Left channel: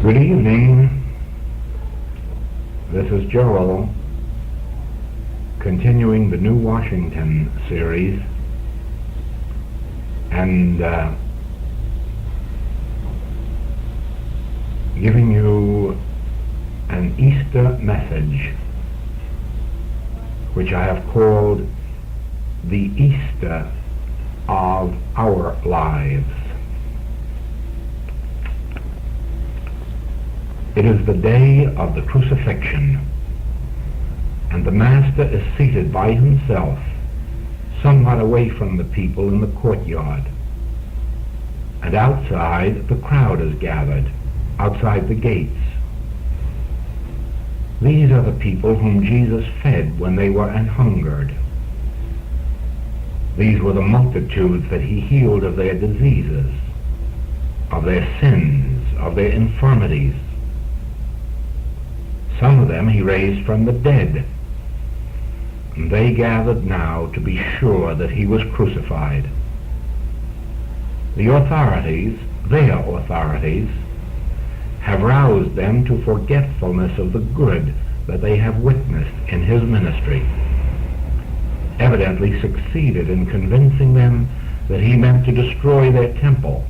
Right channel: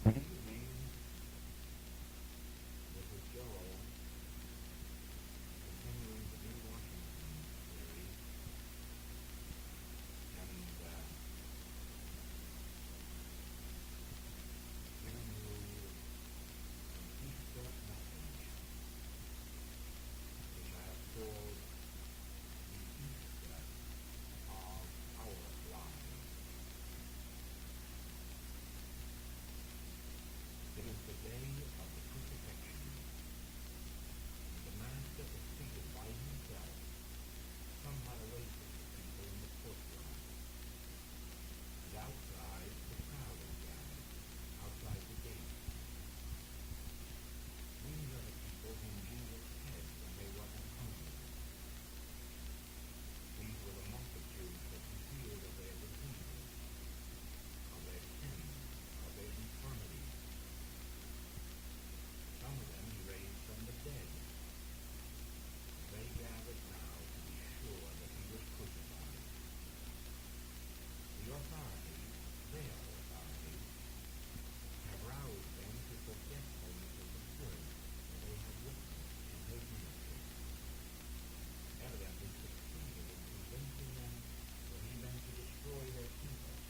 Good evening. This is Joel, continuing the New Washington series, and giving you an Easter message, which I have called the Easter of our lives. It is the day of the crucifixion, and the Master is seated by himself, somewhat away from the people in the courtyard. And outside, the crowd is gathered, outside the gates. These are the people whom Jesus fed when they were an hungered. These were the multitudes that he healed of their diseases, of their sins, of their infirmities. Some of them he raised from the dead, and they gathered now to be sure that he was crucified. The authorities, their authorities, have roused them to forgetfulness of the good that they have witnessed in his ministry, evidently succeeded in convincing them that he meant to destroy their temple,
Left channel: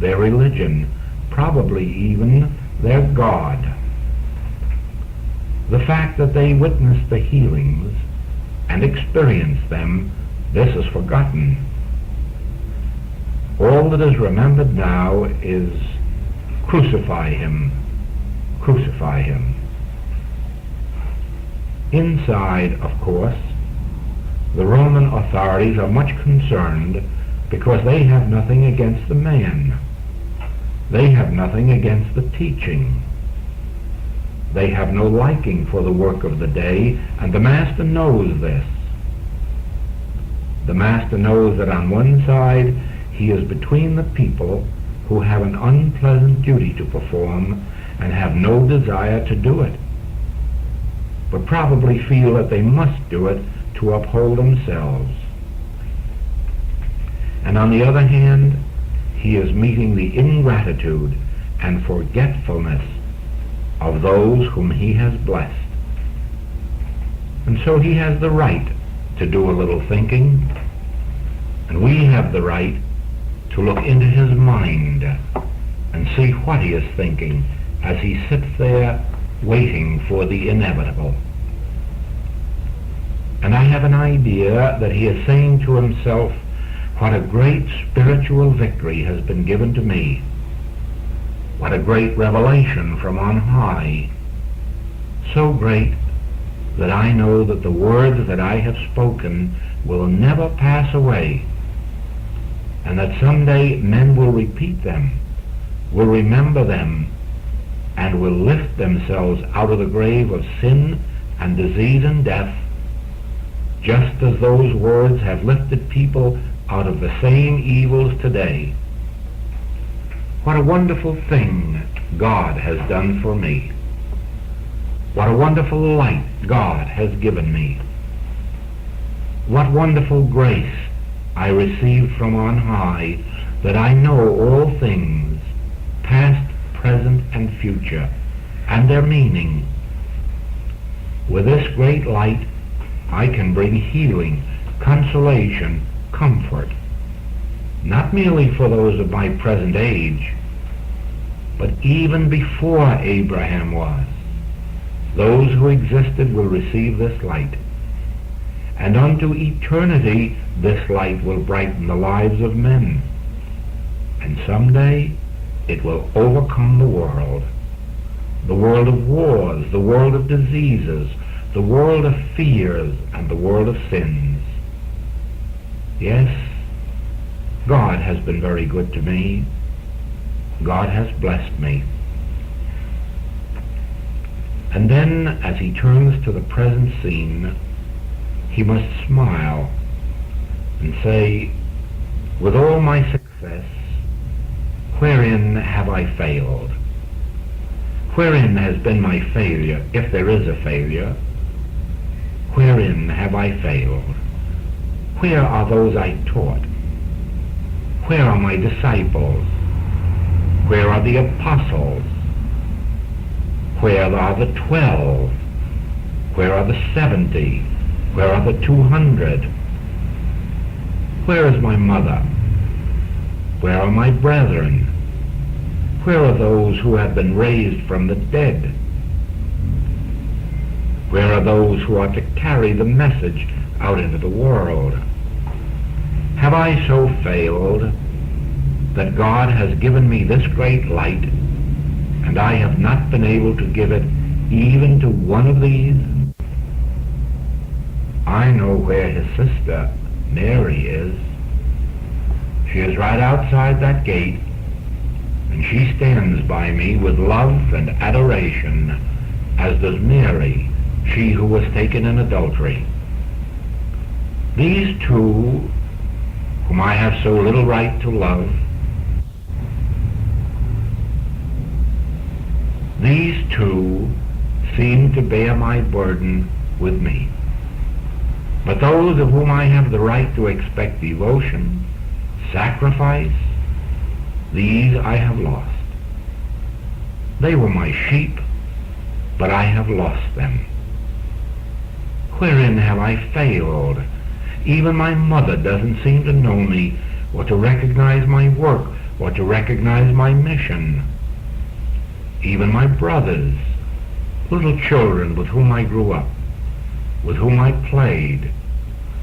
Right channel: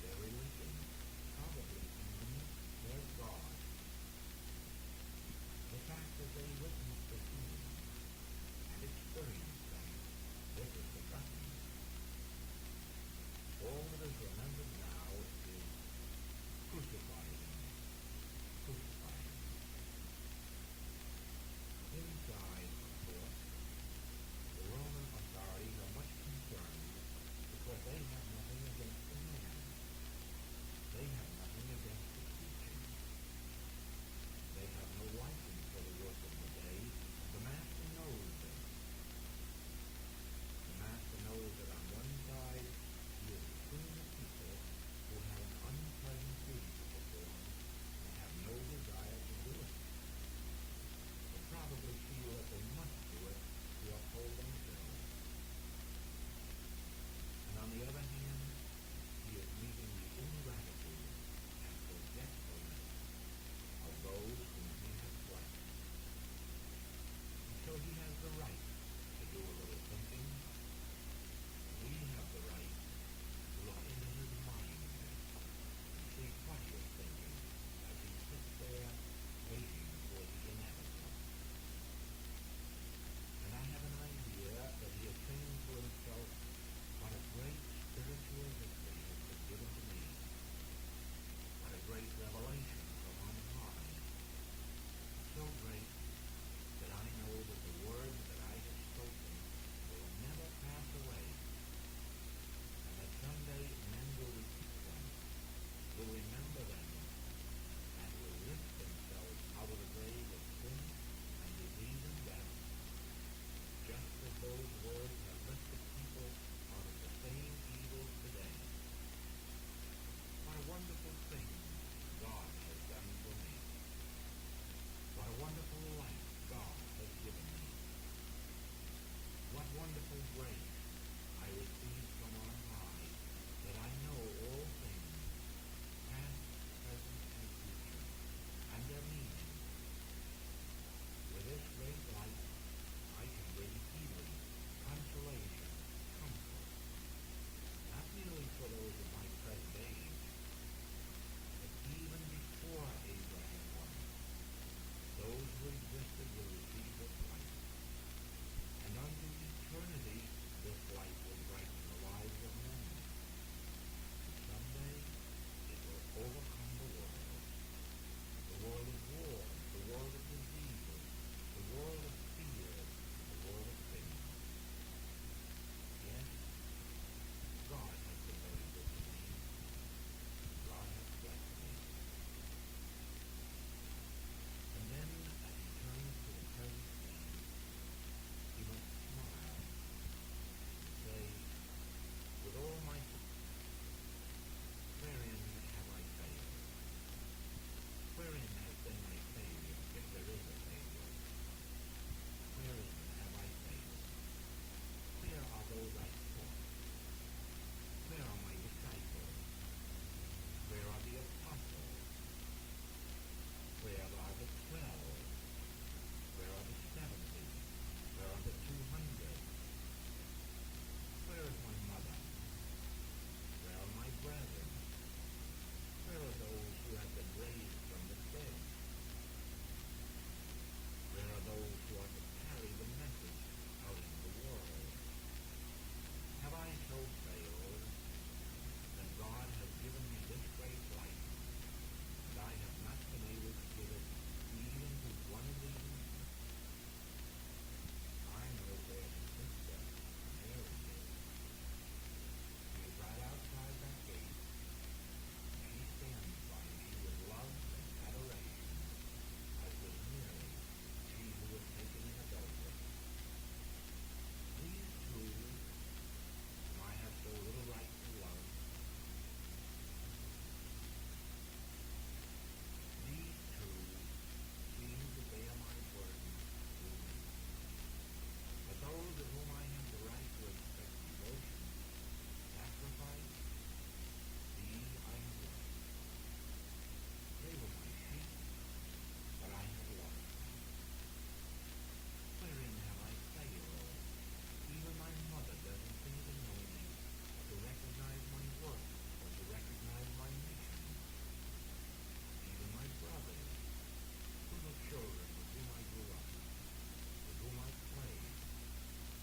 their religion, probably even their God. The fact that they witnessed the healings and experienced them, this is forgotten. All that is remembered now is crucify him, crucify him. Inside, of course, the Roman authorities are much concerned because they have nothing against the man. They have nothing against the teaching. They have no liking for the work of the day, and the Master knows this. The Master knows that on one side he is between the people who have an unpleasant duty to perform and have no desire to do it, but probably feel that they must do it to uphold themselves. And on the other hand, he is meeting the ingratitude and forgetfulness of those whom he has blessed. And so he has the right to do a little thinking, and we have the right to look into his mind and see what he is thinking as he sits there waiting for the inevitable. And I have an idea that he is saying to himself, what a great spiritual victory has been given to me. What a great revelation from on high. So great that I know that the words that I have spoken will never pass away, and that someday men will repeat them, will remember them, and will lift themselves out of the grave of sin and disease and death, just as those words have lifted people out of the same evils today. What a wonderful thing God has done for me. What a wonderful light God has given me. What wonderful grace I received from on high, that I know all things, past, present, and future, and their meaning. With this great light, I can bring healing, consolation, comfort, not merely for those of my present age, but even before Abraham was. Those who existed will receive this light, and unto eternity this light will brighten the lives of men, and someday it will overcome the world of wars, the world of diseases, the world of fears, and the world of sins. Yes, God has been very good to me. God has blessed me. And then, as he turns to the present scene, he must smile and say, with all my success, wherein have I failed? Wherein has been my failure, if there is a failure? Wherein have I failed? Where are those I taught? Where are my disciples? Where are the apostles? Where are the 12? Where are the 70? Where are the 200? Where is my mother? Where are my brethren? Where are those who have been raised from the dead? Where are those who are to carry the message out into the world? Have I so failed that God has given me this great light, and I have not been able to give it even to one of these? I know where his sister Mary is. She is right outside that gate, and she stands by me with love and adoration, as does Mary, she who was taken in adultery. These two, whom I have so little right to love, these two seem to bear my burden with me. But those of whom I have the right to expect devotion, sacrifice, these I have lost. They were my sheep, but I have lost them. Wherein have I failed? Even my mother doesn't seem to know me, or to recognize my work, or to recognize my mission. Even my brothers, little children with whom I grew up, with whom I played,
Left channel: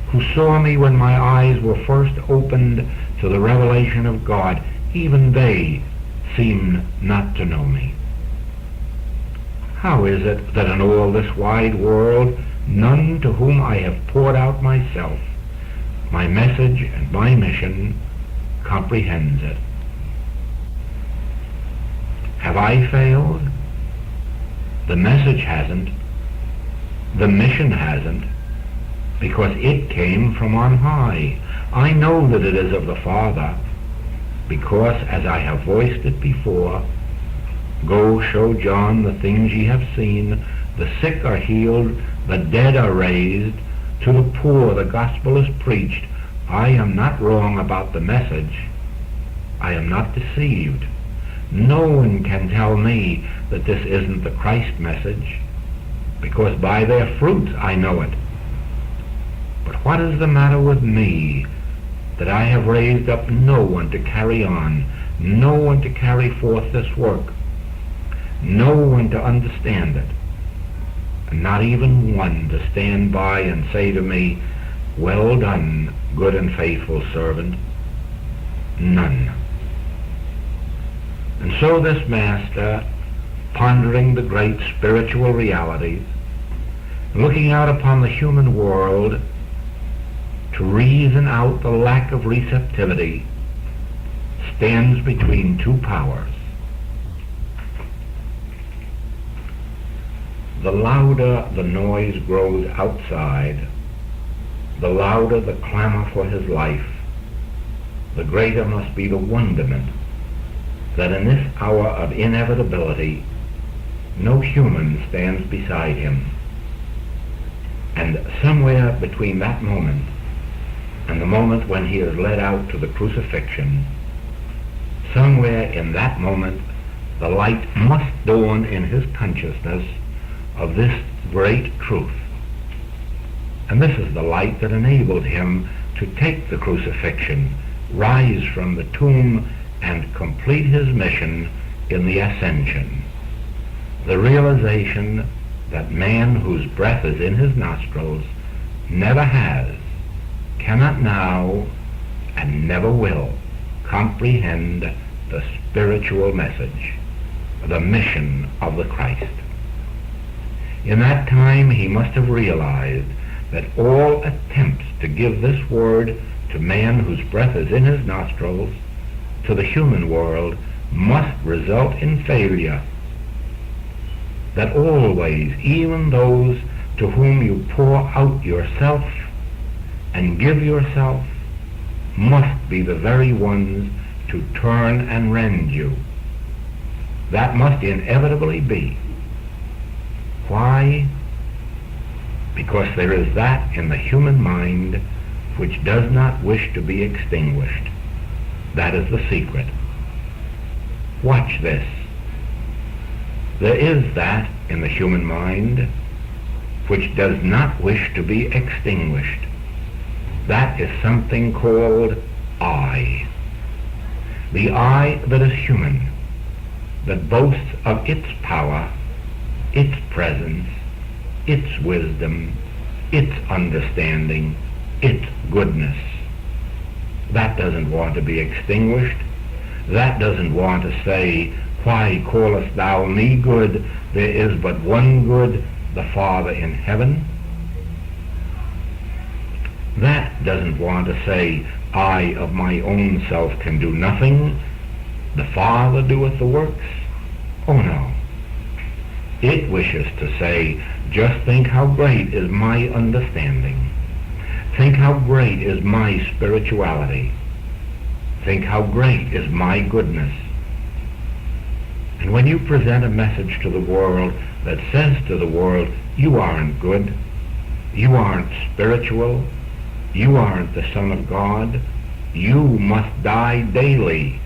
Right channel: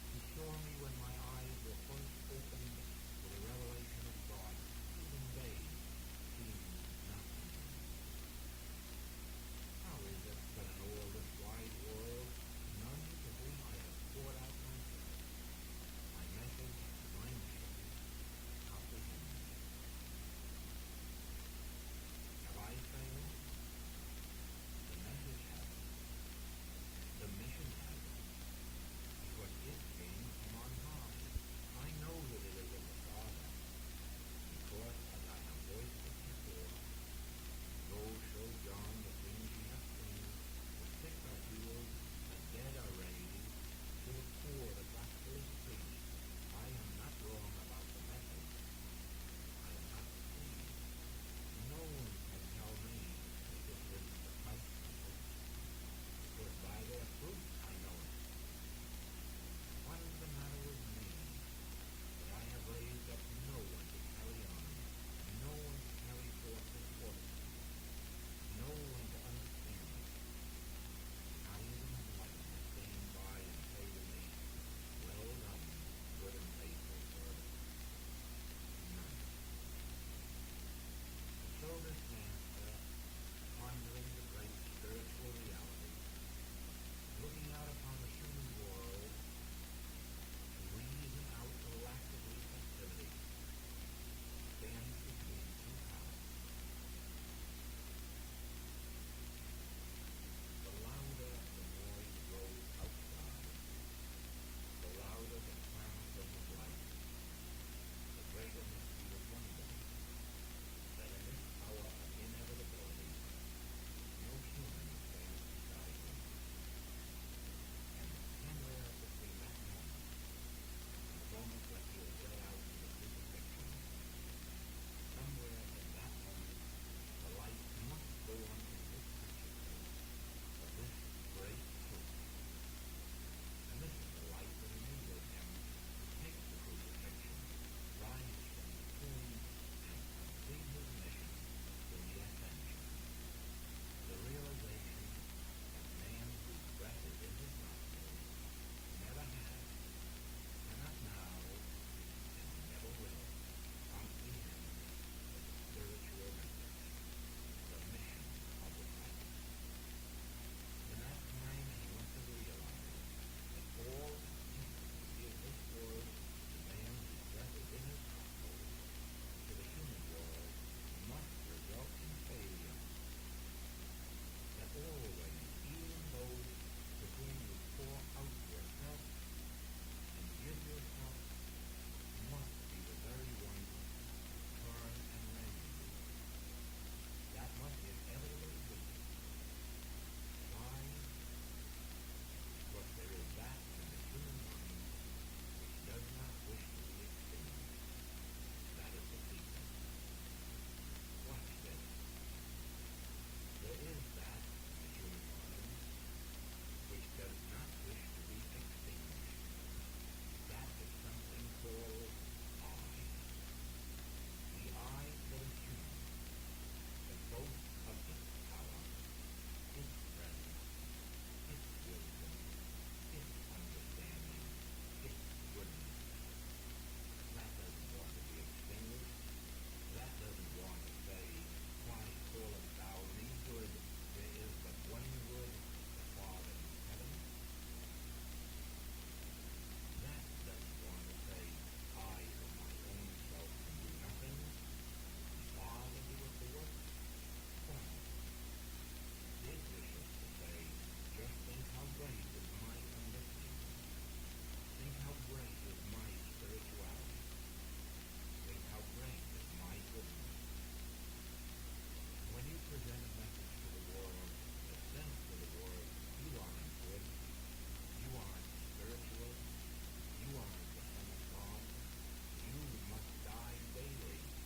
who saw me when my eyes were first opened to the revelation of God, even they seem not to know me. How is it that in all this wide world, none to whom I have poured out myself, my message and my mission, comprehends it? Have I failed? The message hasn't. The mission hasn't, because it came from on high. I know that it is of the Father, because, as I have voiced it before, go show John the things ye have seen, the sick are healed, the dead are raised, to the poor the gospel is preached. I am not wrong about the message. I am not deceived. No one can tell me that this isn't the Christ message, because by their fruits I know it. But what is the matter with me, that I have raised up no one to carry on, no one to carry forth this work, no one to understand it, and not even one to stand by and say to me, "Well done, good and faithful servant"? None. And so this master, pondering the great spiritual realities, looking out upon the human world to reason out the lack of receptivity, stands between two powers. The louder the noise grows outside, the louder the clamor for his life, the greater must be the wonderment that in this hour of inevitability no human stands beside him. And somewhere between that moment and the moment when he is led out to the crucifixion, somewhere in that moment the light must dawn in his consciousness of this great truth. And this is the light that enabled him to take the crucifixion, rise from the tomb, and complete his mission in the ascension. The realization that man whose breath is in his nostrils never has, cannot now, and never will comprehend the spiritual message, the mission of the Christ. In that time he must have realized that all attempts to give this word to man whose breath is in his nostrils, to the human world, must result in failure. That always, even those to whom you pour out yourself and give yourself, must be the very ones to turn and rend you. That must inevitably be. Why? Because there is that in the human mind which does not wish to be extinguished. That is the secret. Watch this. There is that in the human mind which does not wish to be extinguished. That is something called I. The I that is human, that boasts of its power, its presence, its wisdom, its understanding, its goodness. That doesn't want to be extinguished. That doesn't want to say, why callest thou me good? There is but one good, the Father in heaven. That doesn't want to say, I of my own self can do nothing. The Father doeth the works. Oh no. It wishes to say, just think how great is my understanding. Think how great is my spirituality. Think how great is my goodness. And when you present a message to the world that says to the world, you aren't good, you aren't spiritual, you aren't the Son of God, you must die daily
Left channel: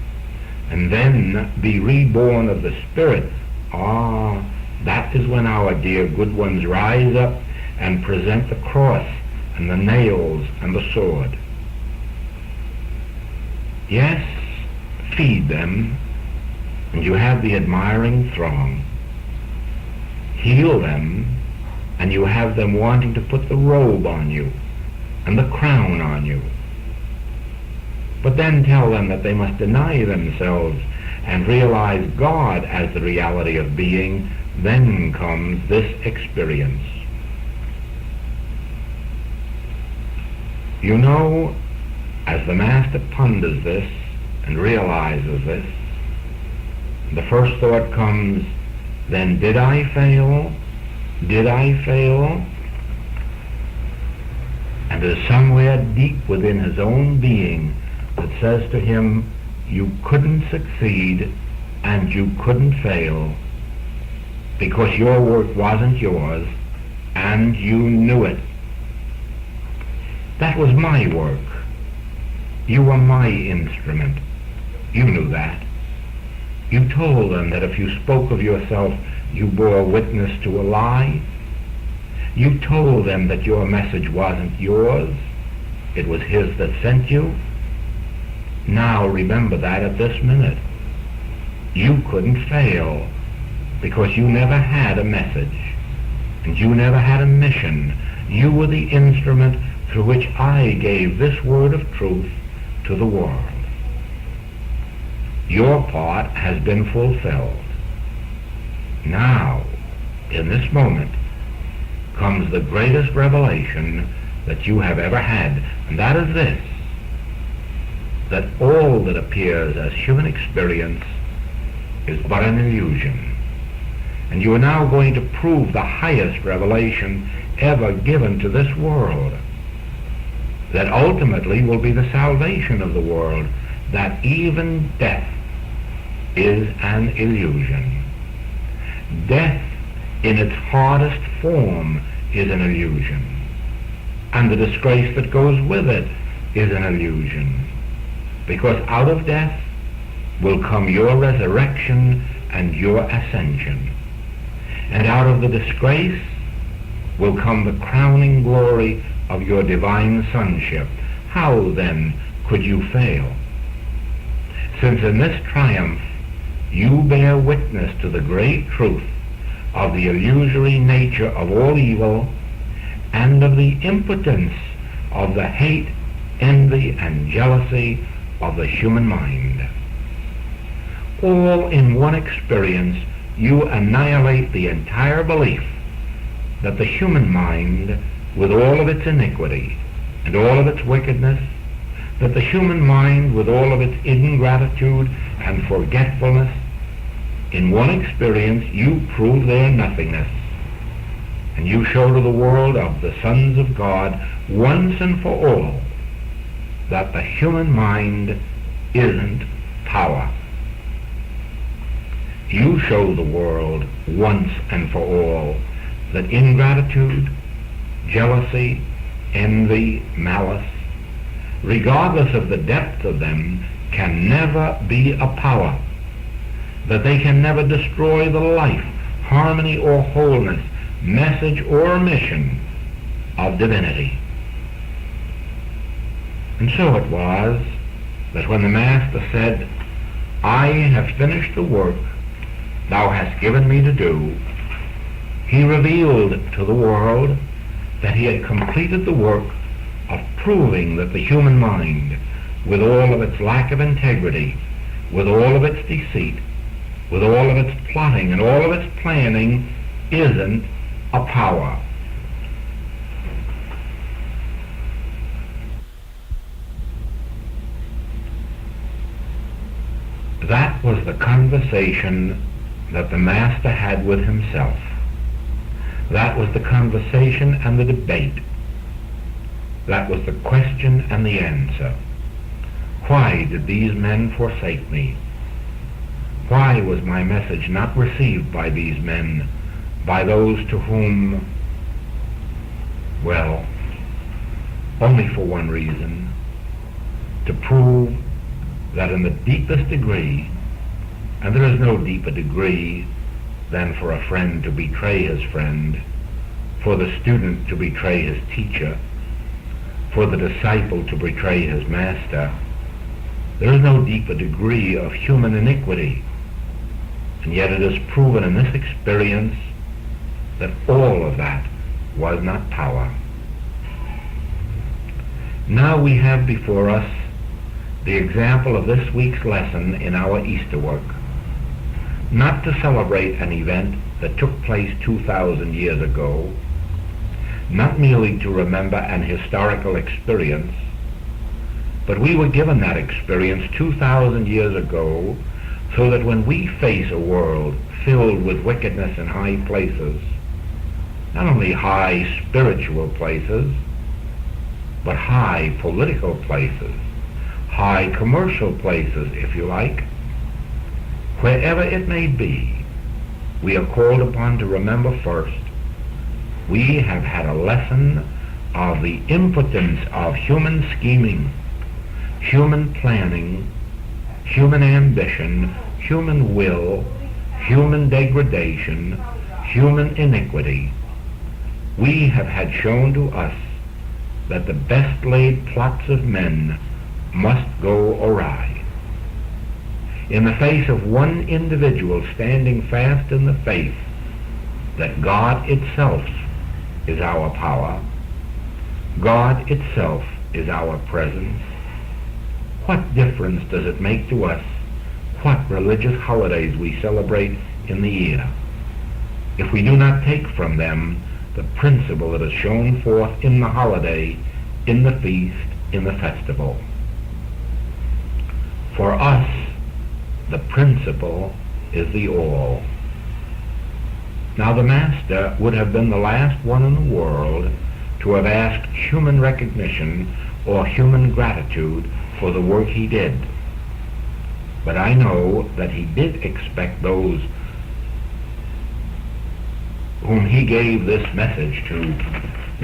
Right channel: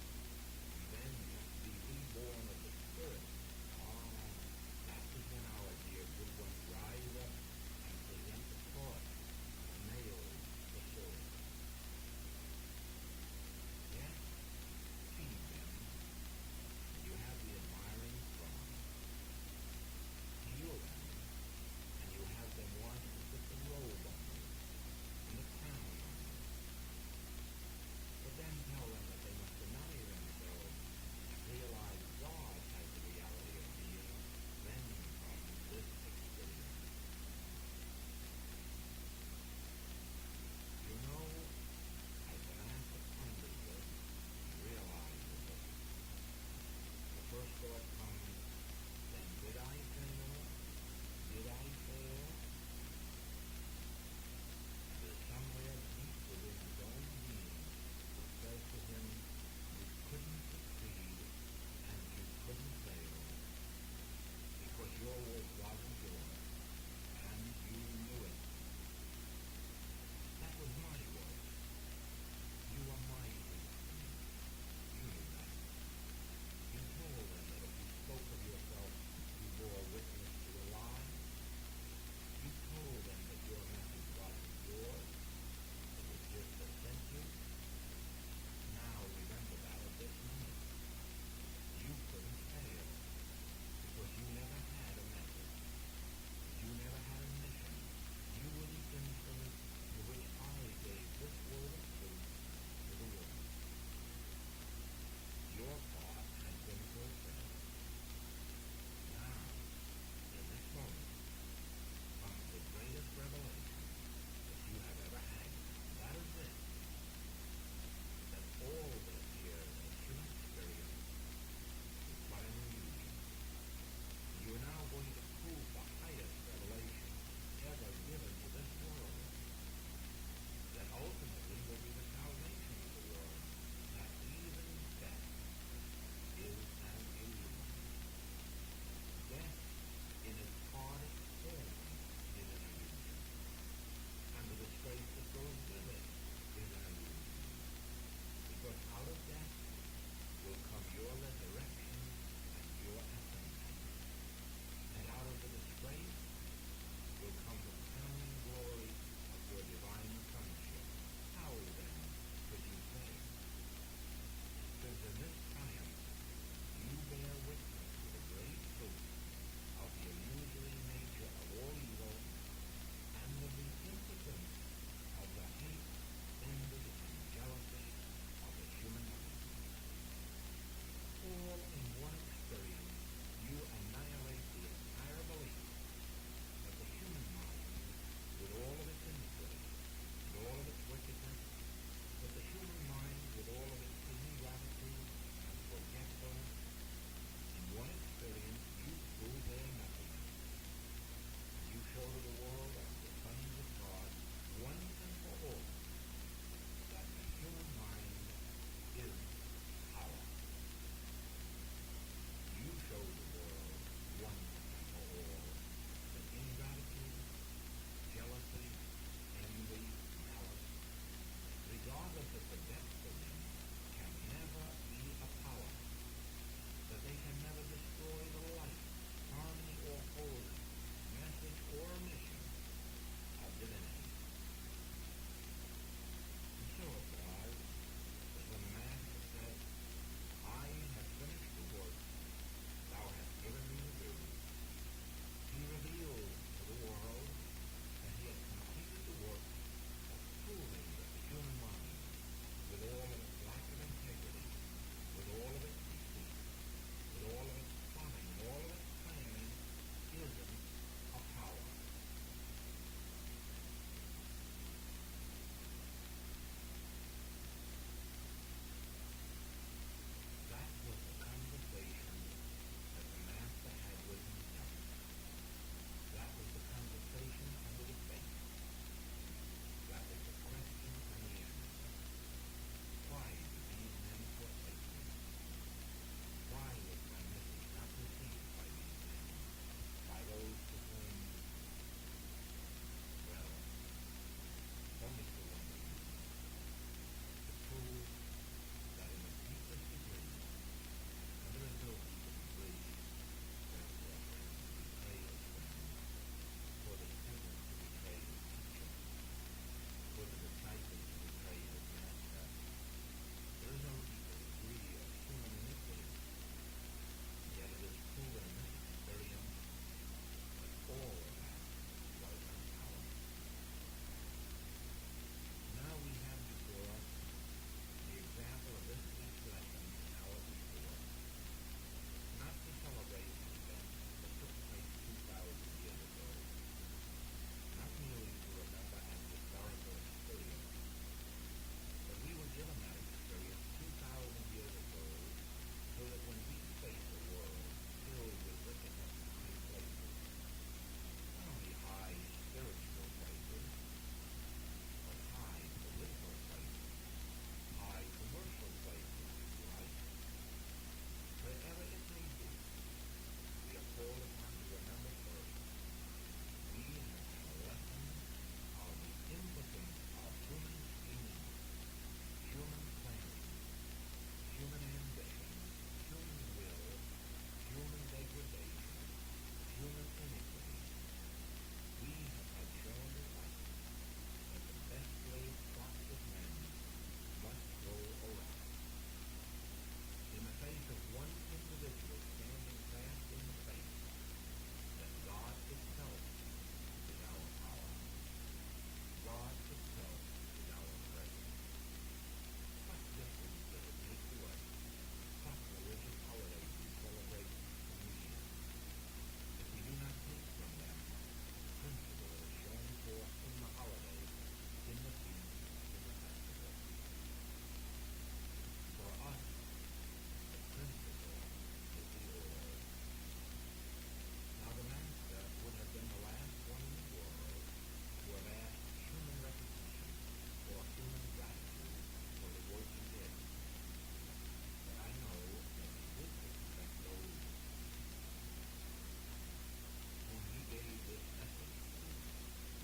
and then be reborn of the Spirit, that is when our dear good ones rise up and present the cross and the nails and the sword. Yes, feed them, and you have the admiring throng. Heal them, and you have them wanting to put the robe on you and the crown on you. But then tell them that they must deny themselves and realize God as the reality of being. Then comes this experience. You know, as the Master ponders this and realizes this, the first thought comes, then did I fail? Did I fail? And there's somewhere deep within his own being that says to him, you couldn't succeed and you couldn't fail because your work wasn't yours and you knew it. That was my work. You were my instrument. You knew that. You told them that if you spoke of yourself, you bore witness to a lie. You told them that your message wasn't yours. It was his that sent you. Now remember that at this minute. You couldn't fail because you never had a message and you never had a mission. You were the instrument through which I gave this word of truth to the world. Your part has been fulfilled. Now, in this moment, comes the greatest revelation that you have ever had, and that is this, that all that appears as human experience is but an illusion. And you are now going to prove the highest revelation ever given to this world, that ultimately will be the salvation of the world, that even death is an illusion. Death in its hardest form is an illusion, and the disgrace that goes with it is an illusion, because out of death will come your resurrection and your ascension, and out of the disgrace will come the crowning glory of your divine sonship. How then could you fail? Since in this triumph you bear witness to the great truth of the illusory nature of all evil and of the impotence of the hate, envy, and jealousy of the human mind. All in one experience you annihilate the entire belief that the human mind, with all of its iniquity and all of its wickedness, that the human mind with all of its ingratitude and forgetfulness, in one experience you prove their nothingness, and you show to the world of the sons of God once and for all that the human mind isn't power. You show the world once and for all that ingratitude, jealousy, envy, malice, regardless of the depth of them, can never be a power, that they can never destroy the life harmony or wholeness, message or mission of divinity. And so it was that when the Master said, I have finished the work thou hast given me to do, he revealed to the world that he had completed the work of proving that the human mind, with all of its lack of integrity, with all of its deceit, with all of its plotting and all of its planning, isn't a power. That was the conversation that the Master had with himself. That was the conversation and the debate. That was the question and the answer. Why did these men forsake me? Why was my message not received by these men, by those to whom, well, only for one reason, to prove that in the deepest degree, and there is no deeper degree than for a friend to betray his friend, for the student to betray his teacher, for the disciple to betray his master. There is no deeper degree of human iniquity, and yet it is proven in this experience that all of that was not power. Now we have before us the example of this week's lesson in our Easter work, not to celebrate an event that took place 2,000 years ago, not merely to remember an historical experience, but we were given that experience 2,000 years ago so that when we face a world filled with wickedness in high places, not only high spiritual places, but high political places, high commercial places, if you like, wherever it may be, we are called upon to remember first, we have had a lesson of the impotence of human scheming, human planning, human ambition, human will, human degradation, human iniquity. We have had shown to us that the best laid plots of men must go awry. In the face of one individual standing fast in the faith that God itself is our power, God itself is our presence, what difference does it make to us what religious holidays we celebrate in the year if we do not take from them the principle that is shown forth in the holiday, in the feast, in the festival? For us, the principle is the all. Now the Master would have been the last one in the world to have asked human recognition or human gratitude for the work he did. But I know that he did expect those whom he gave this message to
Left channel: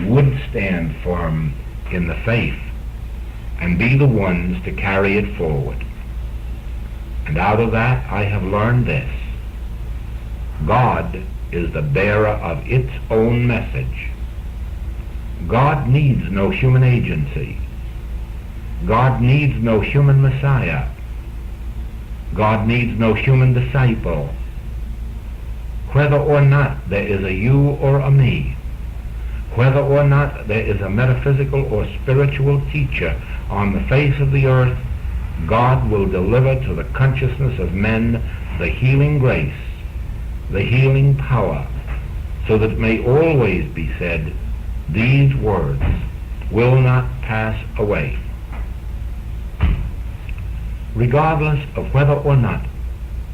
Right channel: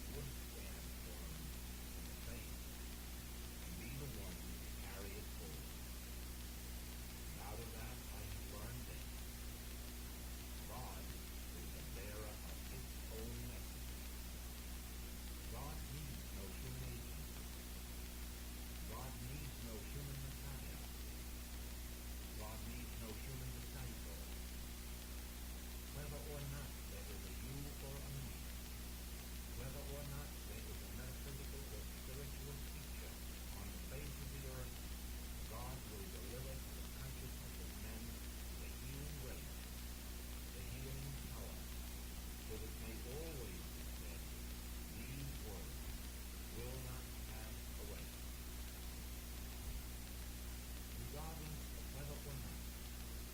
would stand firm in the faith and be the ones to carry it forward. And out of that I have learned this: God is the bearer of its own message. God needs no human agency. God needs no human Messiah. God needs no human disciple. Whether or not there is a you or a me, whether or not there is a metaphysical or spiritual teacher on the face of the earth, God will deliver to the consciousness of men the healing grace, the healing power, so that it may always be said, these words will not pass away. Regardless of whether or not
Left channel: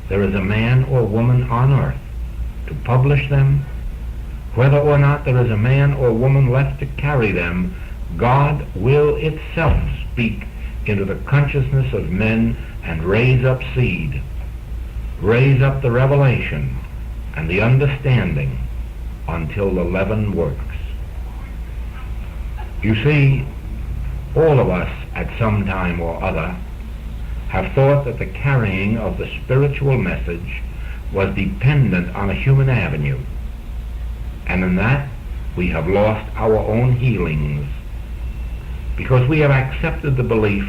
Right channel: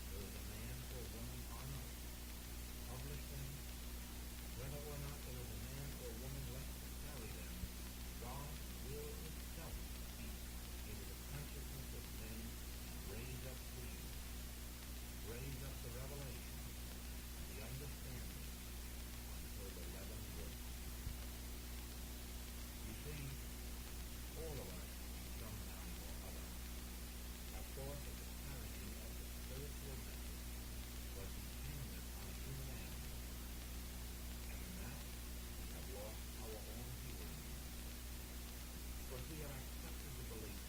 there is a man or woman on earth to publish them, whether or not there is a man or woman left to carry them, God will itself speak into the consciousness of men and raise up seed, raise up the revelation and the understanding until the leaven works. You see, all of us at some time or other have thought that the carrying of the spiritual message was dependent on a human avenue. And in that, we have lost our own healings, because we have accepted the belief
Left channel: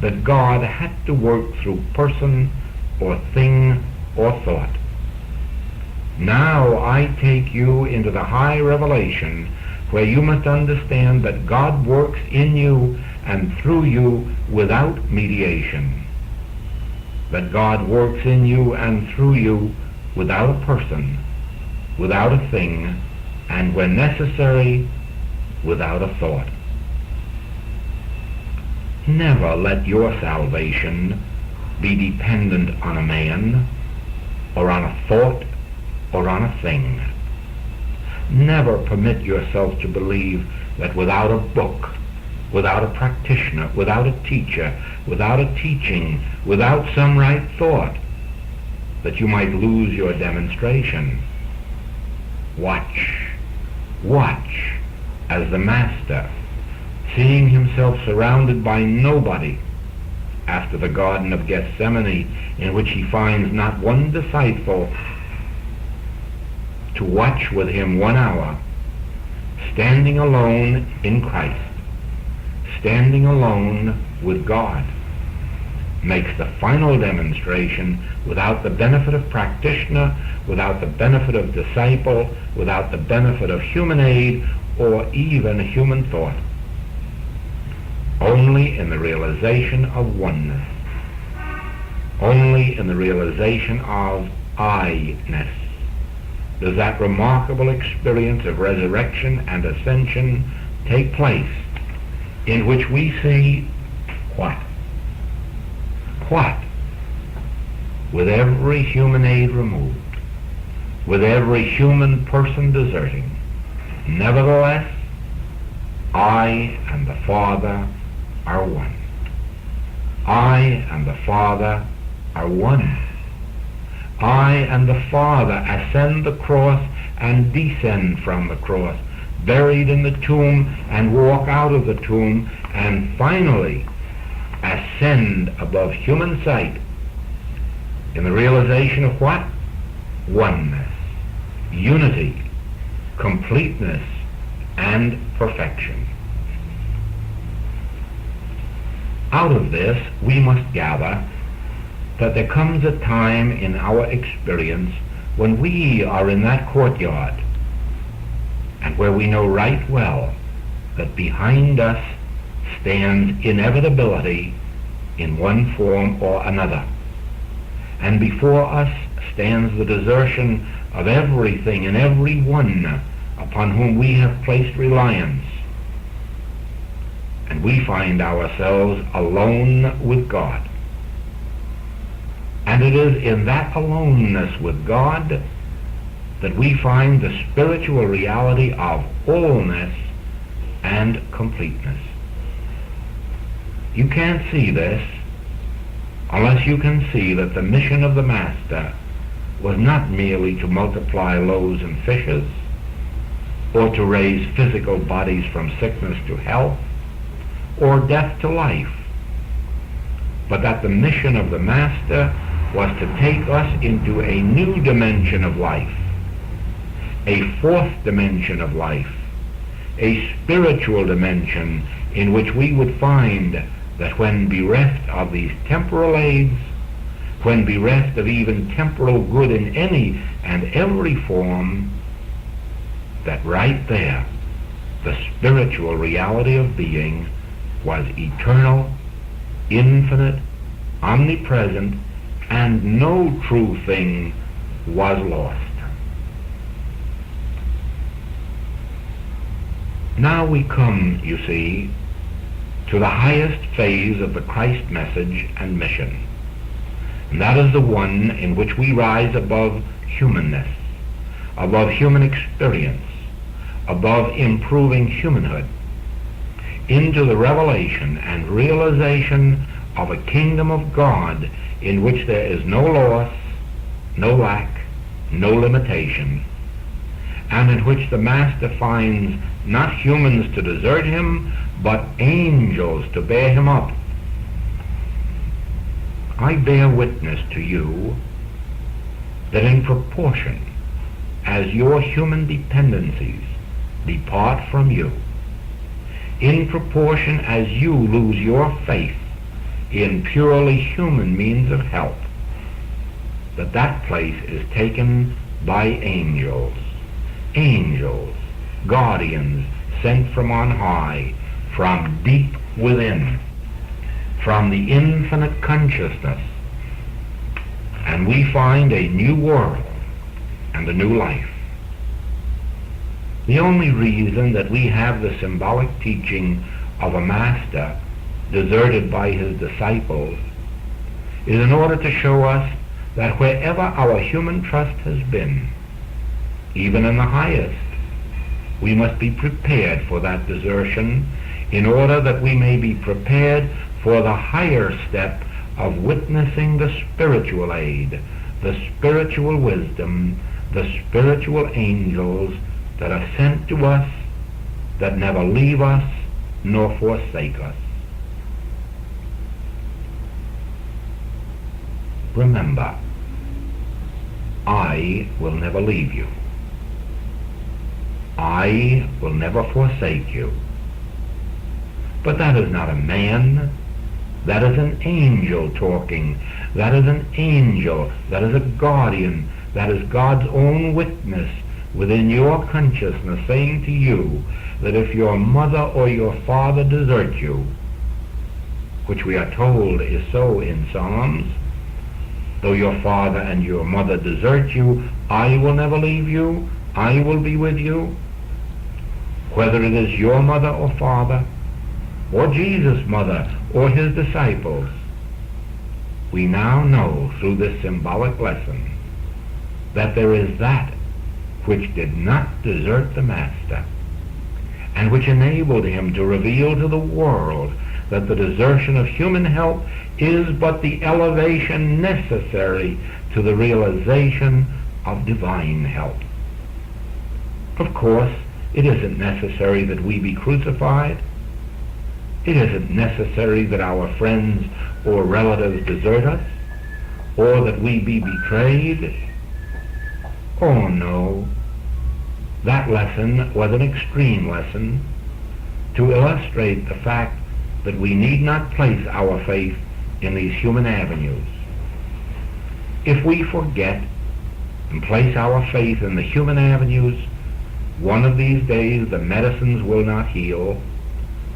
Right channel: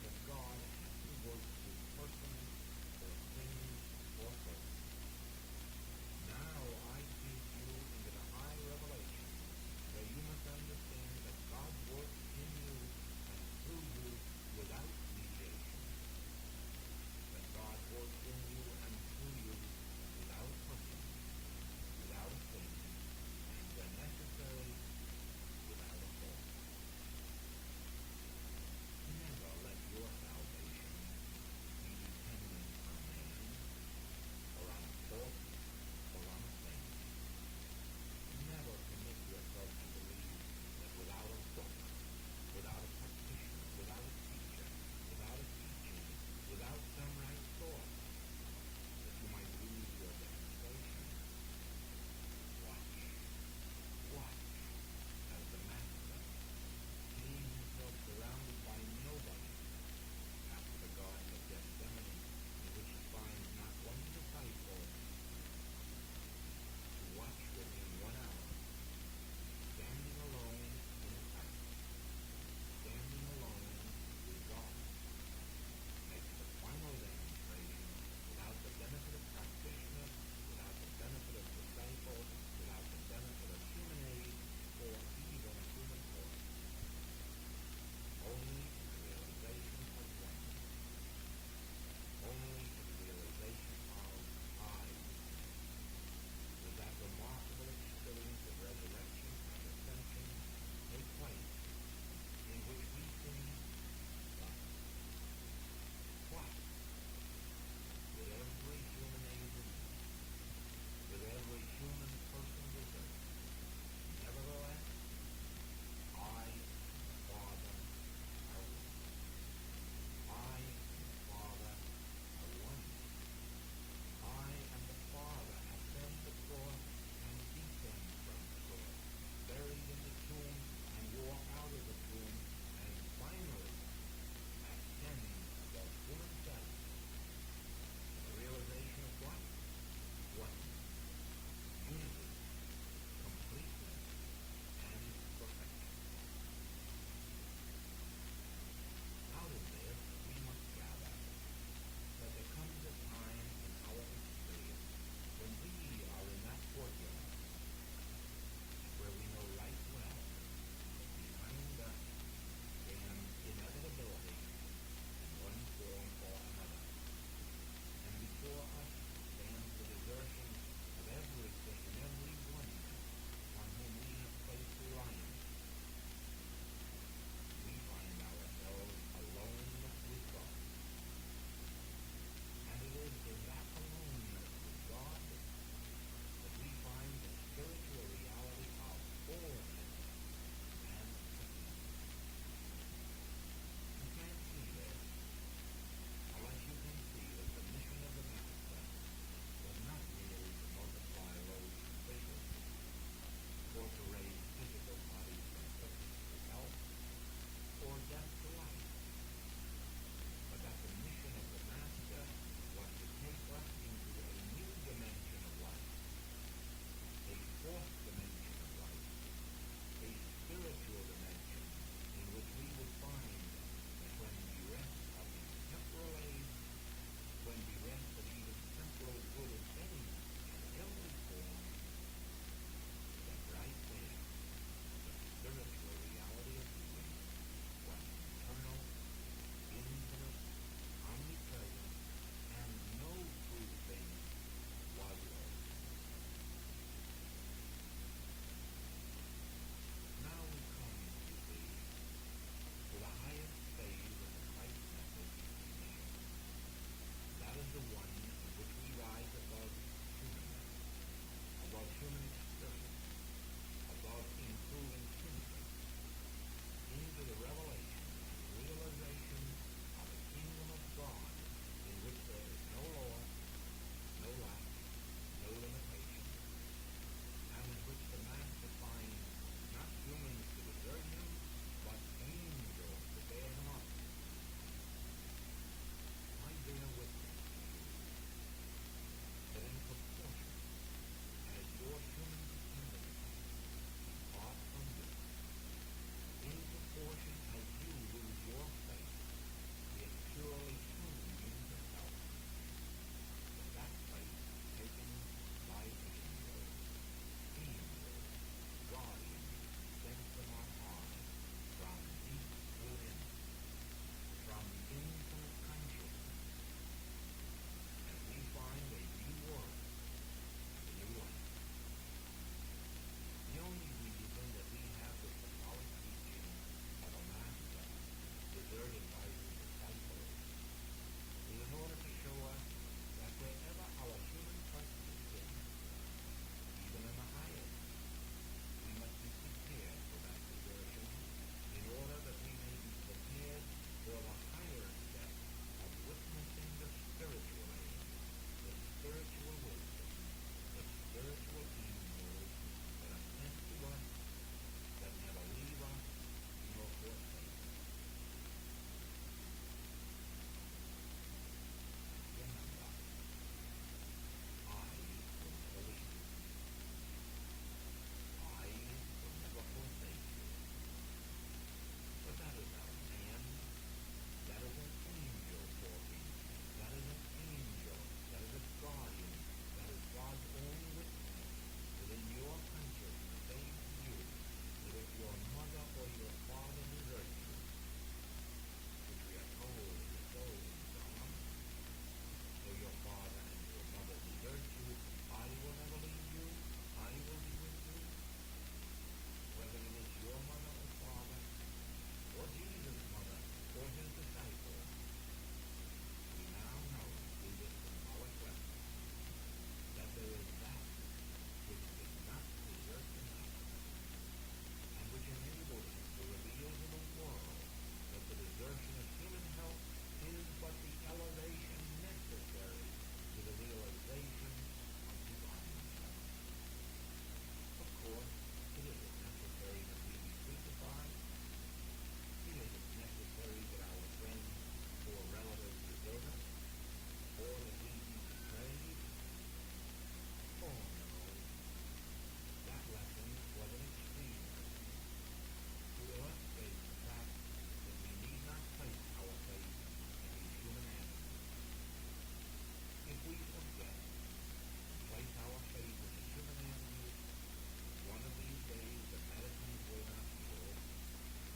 that God had to work through person or thing or thought. Now I take you into the high revelation where you must understand that God works in you and through you without mediation. That God works in you and through you without a person, without a thing, and when necessary, without a thought. Never let your salvation be dependent on a man, or on a thought, or on a thing. Never permit yourself to believe that without a book, without a practitioner, without a teacher, without a teaching, without some right thought, that you might lose your demonstration. Watch as the Master, seeing himself surrounded by nobody after the Garden of Gethsemane, in which he finds not one disciple to watch with him 1 hour, standing alone in Christ, standing alone with God, makes the final demonstration without the benefit of practitioner, without the benefit of disciple, without the benefit of human aid or even human thought. Only in the realization of oneness. Only in the realization of I-ness does that remarkable experience of resurrection and ascension take place, in which we see what? What? With every human aid removed, with every human person deserting, nevertheless, I and the Father are one. I and the Father are one. I and the Father ascend the cross and descend from the cross, buried in the tomb and walk out of the tomb, and finally ascend above human sight in the realization of what? Oneness, unity, completeness, and perfection. Out of this, we must gather that there comes a time in our experience when we are in that courtyard, and where we know right well that behind us stands inevitability in one form or another, and before us stands the desertion of everything and everyone upon whom we have placed reliance, and we find ourselves alone with God. And it is in that aloneness with God that we find the spiritual reality of wholeness and completeness. You can't see this unless you can see that the mission of the Master was not merely to multiply loaves and fishes, or to raise physical bodies from sickness to health, or death to life, but that the mission of the Master was to take us into a new dimension of life, a fourth dimension of life, a spiritual dimension in which we would find that when bereft of these temporal aids, when bereft of even temporal good in any and every form, that right there, the spiritual reality of being was eternal, infinite, omnipresent, and no true thing was lost. Now we come, you see, to the highest phase of the Christ message and mission. And that is the one in which we rise above humanness, above human experience, above improving humanhood, into the revelation and realization of a kingdom of God in which there is no loss, no lack, no limitation, and in which the Master finds not humans to desert him, but angels to bear him up. I bear witness to you that in proportion as your human dependencies depart from you, in proportion as you lose your faith in purely human means of help, that place is taken by angels, guardians sent from on high, from deep within, from the infinite consciousness, and we find a new world and a new life. The only reason that we have the symbolic teaching of a master deserted by his disciples is in order to show us that wherever our human trust has been, even in the highest, we must be prepared for that desertion in order that we may be prepared for the higher step of witnessing the spiritual aid, the spiritual wisdom, the spiritual angels that are sent to us, that never leave us nor forsake us. Remember, I will never leave you. I will never forsake you. But that is not a man. That is an angel talking. That is an angel. That is a guardian. That is God's own witness within your consciousness saying to you that if your mother or your father desert you, which we are told is so in Psalms, though your father and your mother desert you, I will never leave you. I will be with you. Whether it is your mother or father, or Jesus' mother, or his disciples, we now know through this symbolic lesson that there is that which did not desert the Master, and which enabled him to reveal to the world that the desertion of human help is but the elevation necessary to the realization of divine help. Of course, it isn't necessary that we be crucified. It isn't necessary that our friends or relatives desert us, or that we be betrayed. Oh no. That lesson was an extreme lesson to illustrate the fact that we need not place our faith in these human avenues. If we forget and place our faith in the human avenues, one of these days the medicines will not heal,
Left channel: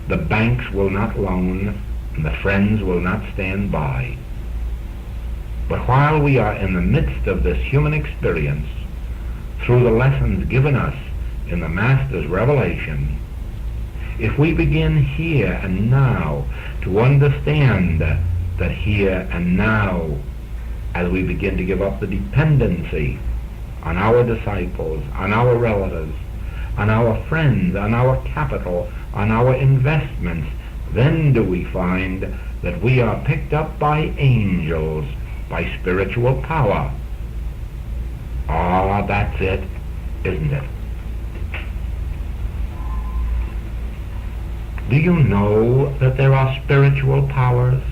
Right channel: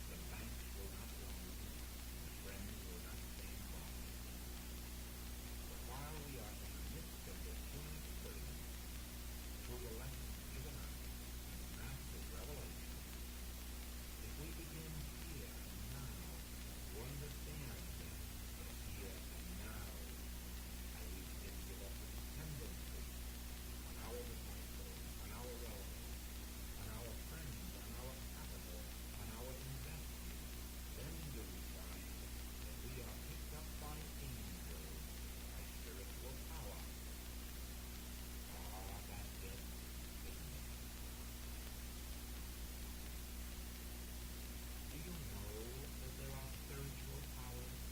the banks will not loan, and the friends will not stand by. But while we are in the midst of this human experience, through the lessons given us in the Master's revelation, if we begin here and now to understand that here and now, as we begin to give up the dependency on our disciples, on our relatives, on our friends, on our capital, on our investments, then do we find that we are picked up by angels, by spiritual power. Ah, that's it, isn't it? Do you know that there are spiritual powers?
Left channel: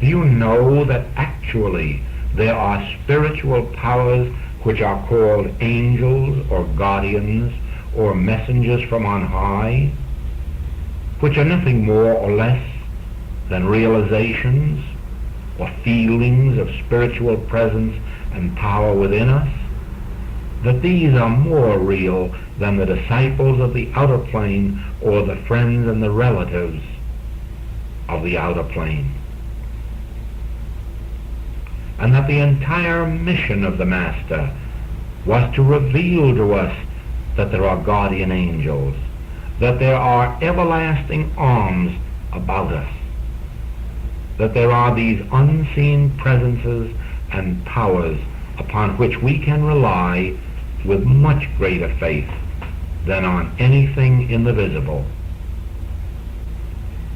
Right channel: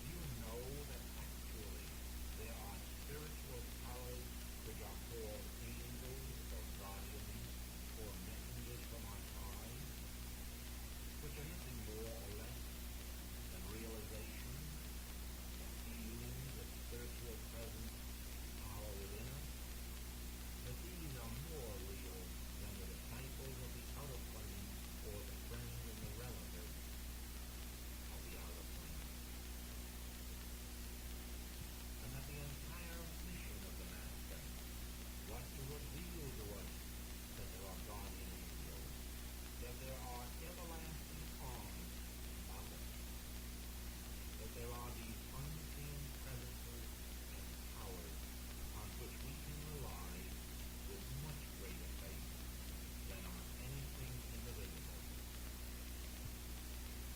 Do you know that actually there are spiritual powers which are called angels or guardians or messengers from on high, which are nothing more or less than realizations or feelings of spiritual presence and power within us? That these are more real than the disciples of the outer plane or the friends and the relatives of the outer plane. And that the entire mission of the Master was to reveal to us that there are guardian angels, that there are everlasting arms about us, that there are these unseen presences and powers upon which we can rely with much greater faith than on anything in the visible.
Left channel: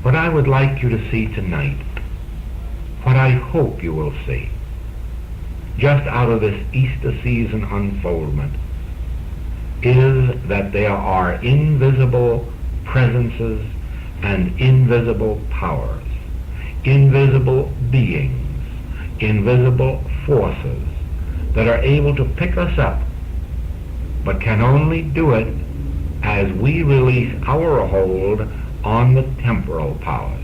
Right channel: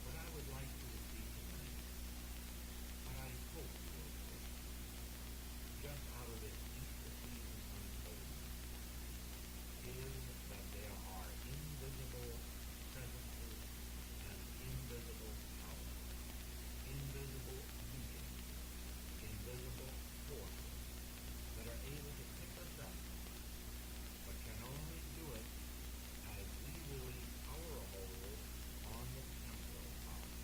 What I would like you to see tonight, what I hope you will see, just out of this Easter season unfoldment, is that there are invisible presences and invisible powers, invisible beings, invisible forces that are able to pick us up, but can only do it as we release our hold on the temporal powers.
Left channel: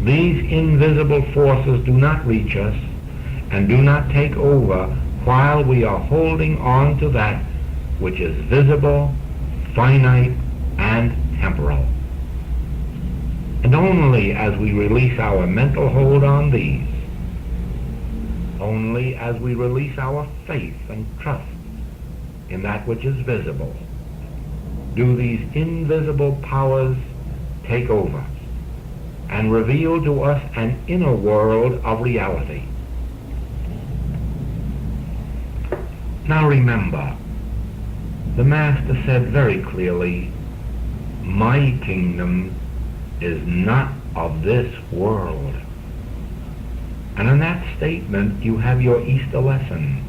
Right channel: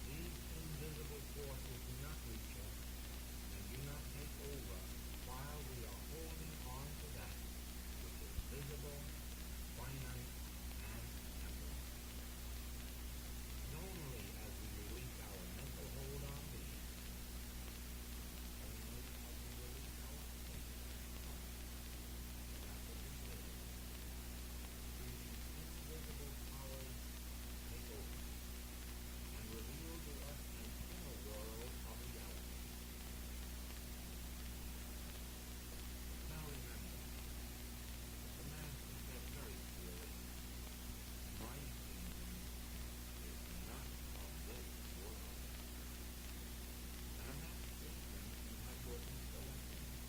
These invisible forces do not reach us and do not take over while we are holding on to that which is visible, finite, and temporal. And only as we release our mental hold on these, only as we release our faith and trust in that which is visible, do these invisible powers take over and reveal to us an inner world of reality. Now remember, the Master said very clearly, my kingdom is not of this world. And in that statement you have your Easter lesson.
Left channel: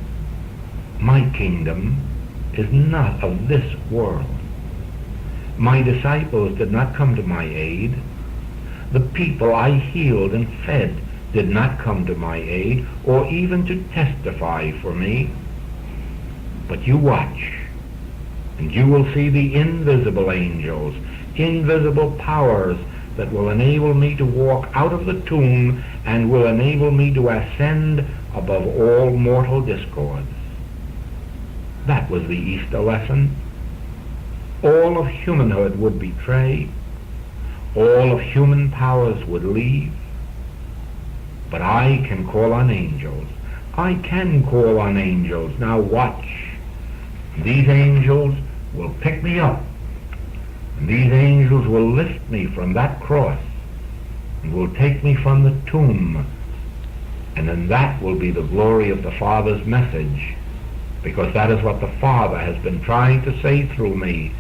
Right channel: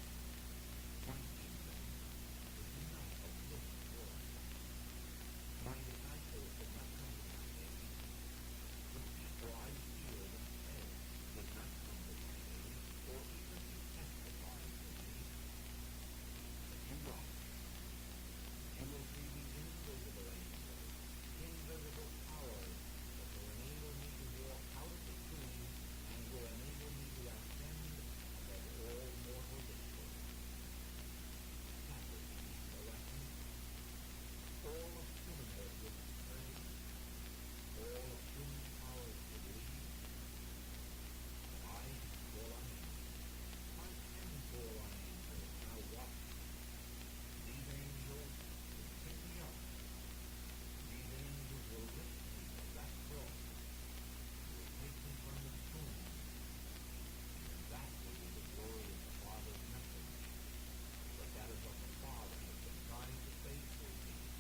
My kingdom is not of this world. My disciples did not come to my aid. The people I healed and fed did not come to my aid or even to testify for me. But you watch, and you will see the invisible angels, invisible powers that will enable me to walk out of the tomb and will enable me to ascend above all mortal discords. That was the Easter lesson. All of humanhood would betray. All of human powers would leave. But I can call on angels. I can call on angels. Now watch. These angels will pick me up. And these angels will lift me from that cross and will take me from the tomb. And then that will be the glory of the Father's message, because that is what the Father has been trying to say through me,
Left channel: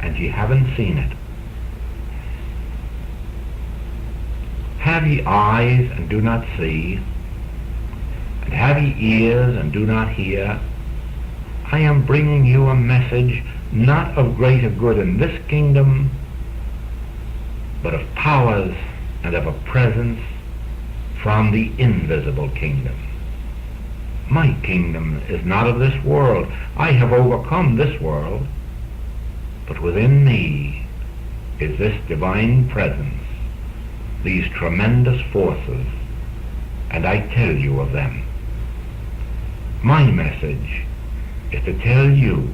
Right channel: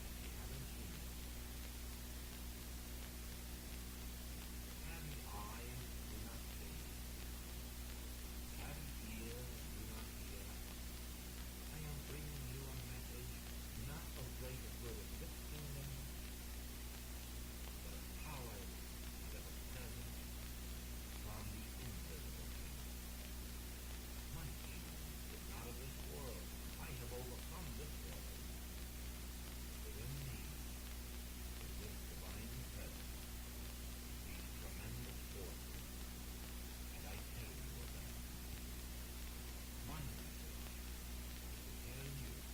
and ye haven't seen it. Have ye eyes and do not see, and have ye ears and do not hear? I am bringing you a message not of greater good in this kingdom, but of powers and of a presence from the invisible kingdom. My kingdom is not of this world. I have overcome this world, but within me is this divine presence, these tremendous forces, and I tell you of them. My message is to tell you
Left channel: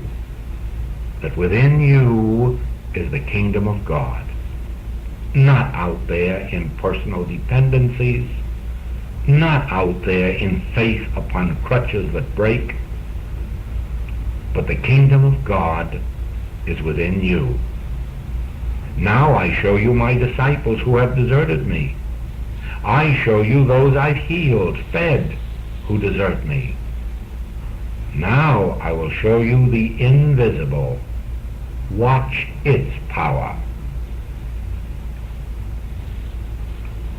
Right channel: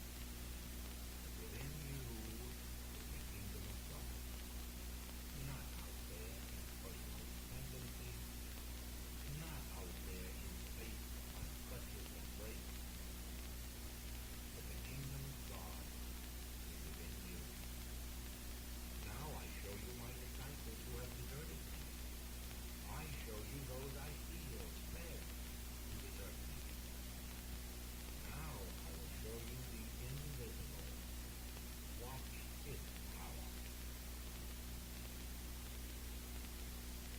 that within you is the kingdom of God, not out there in personal dependencies, not out there in faith upon crutches that break, but the kingdom of God is within you. Now I show you my disciples who have deserted me. I show you those I've healed, fed, who desert me. Now I will show you the invisible. Watch its power.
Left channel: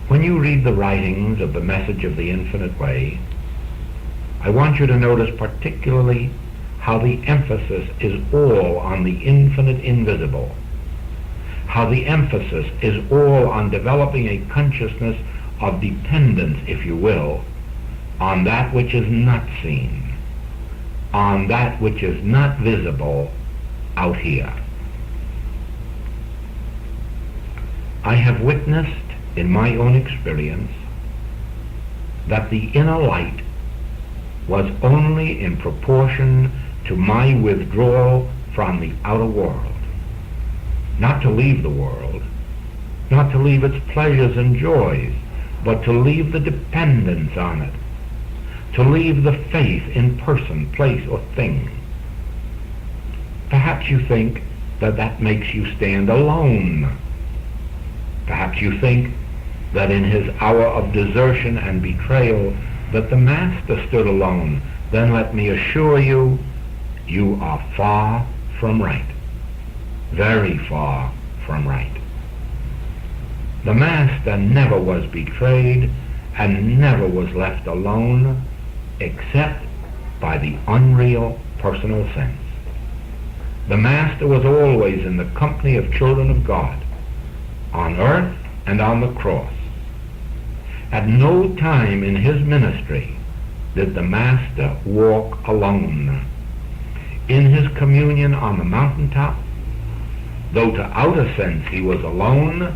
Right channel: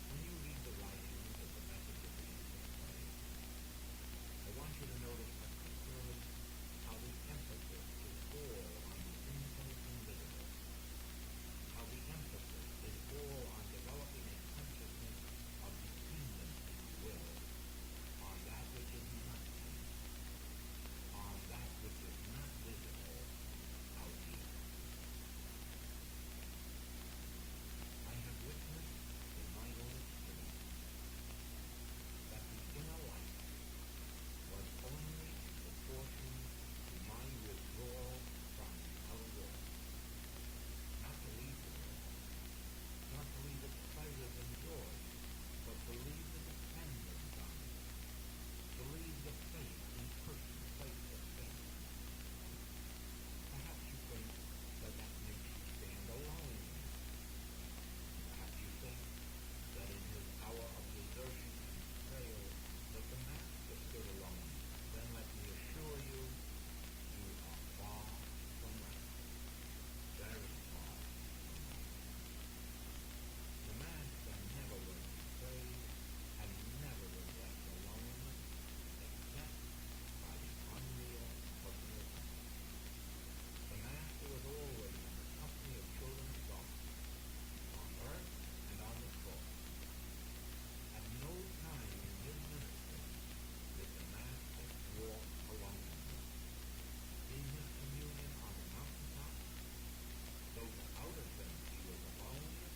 When you read the writings of the Message of the Infinite Way, I want you to notice particularly how the emphasis is all on the infinite invisible, how the emphasis is all on developing a consciousness of dependence, if you will, on that which is not seen, on that which is not visible out here. I have witnessed in my own experience that the inner light was only in proportion to my withdrawal from the outer world. Not to leave the world, not to leave its pleasures and joys, but to leave the dependence on it, to leave the faith in person, place, or thing. Perhaps you think that that makes you stand alone. Perhaps you think that in his hour of desertion and betrayal that the Master stood alone. Then let me assure you, you are far from right. Very far from right. The Master never was betrayed and never was left alone except by the unreal personal sense. The Master was always in the company of children of God, on earth and on the cross. At no time in his ministry did the Master walk alone. In his communion on the mountaintop, though to outer sense he was alone,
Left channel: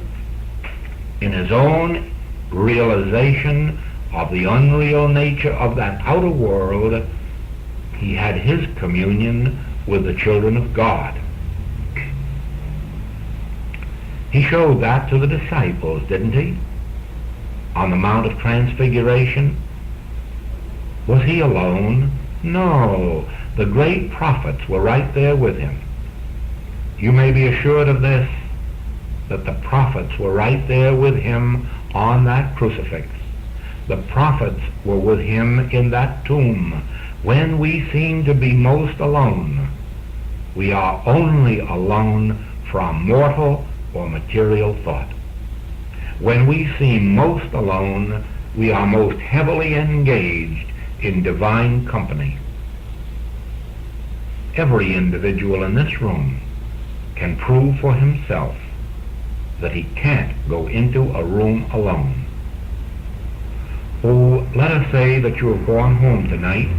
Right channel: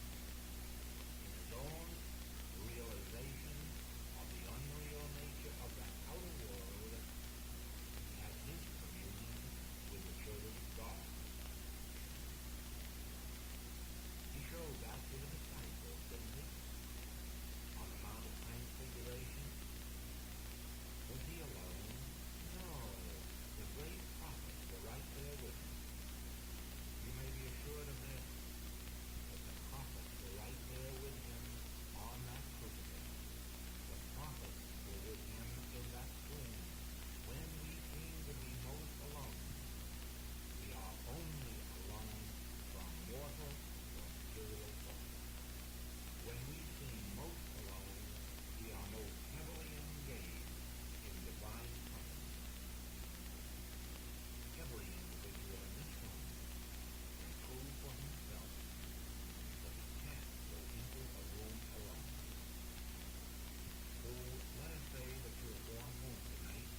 in his own realization of the unreal nature of that outer world, he had his communion with the children of God. He showed that to the disciples, didn't he? On the Mount of Transfiguration. Was he alone? No. The great prophets were right there with him. You may be assured of this, that the prophets were right there with him on that crucifix. The prophets were with him in that tomb. When we seem to be most alone, we are only alone from mortal or material thought. When we seem most alone, we are most heavily engaged in divine company. Every individual in this room can prove for himself that he can't go into a room alone. Oh, let us say that you have gone home tonight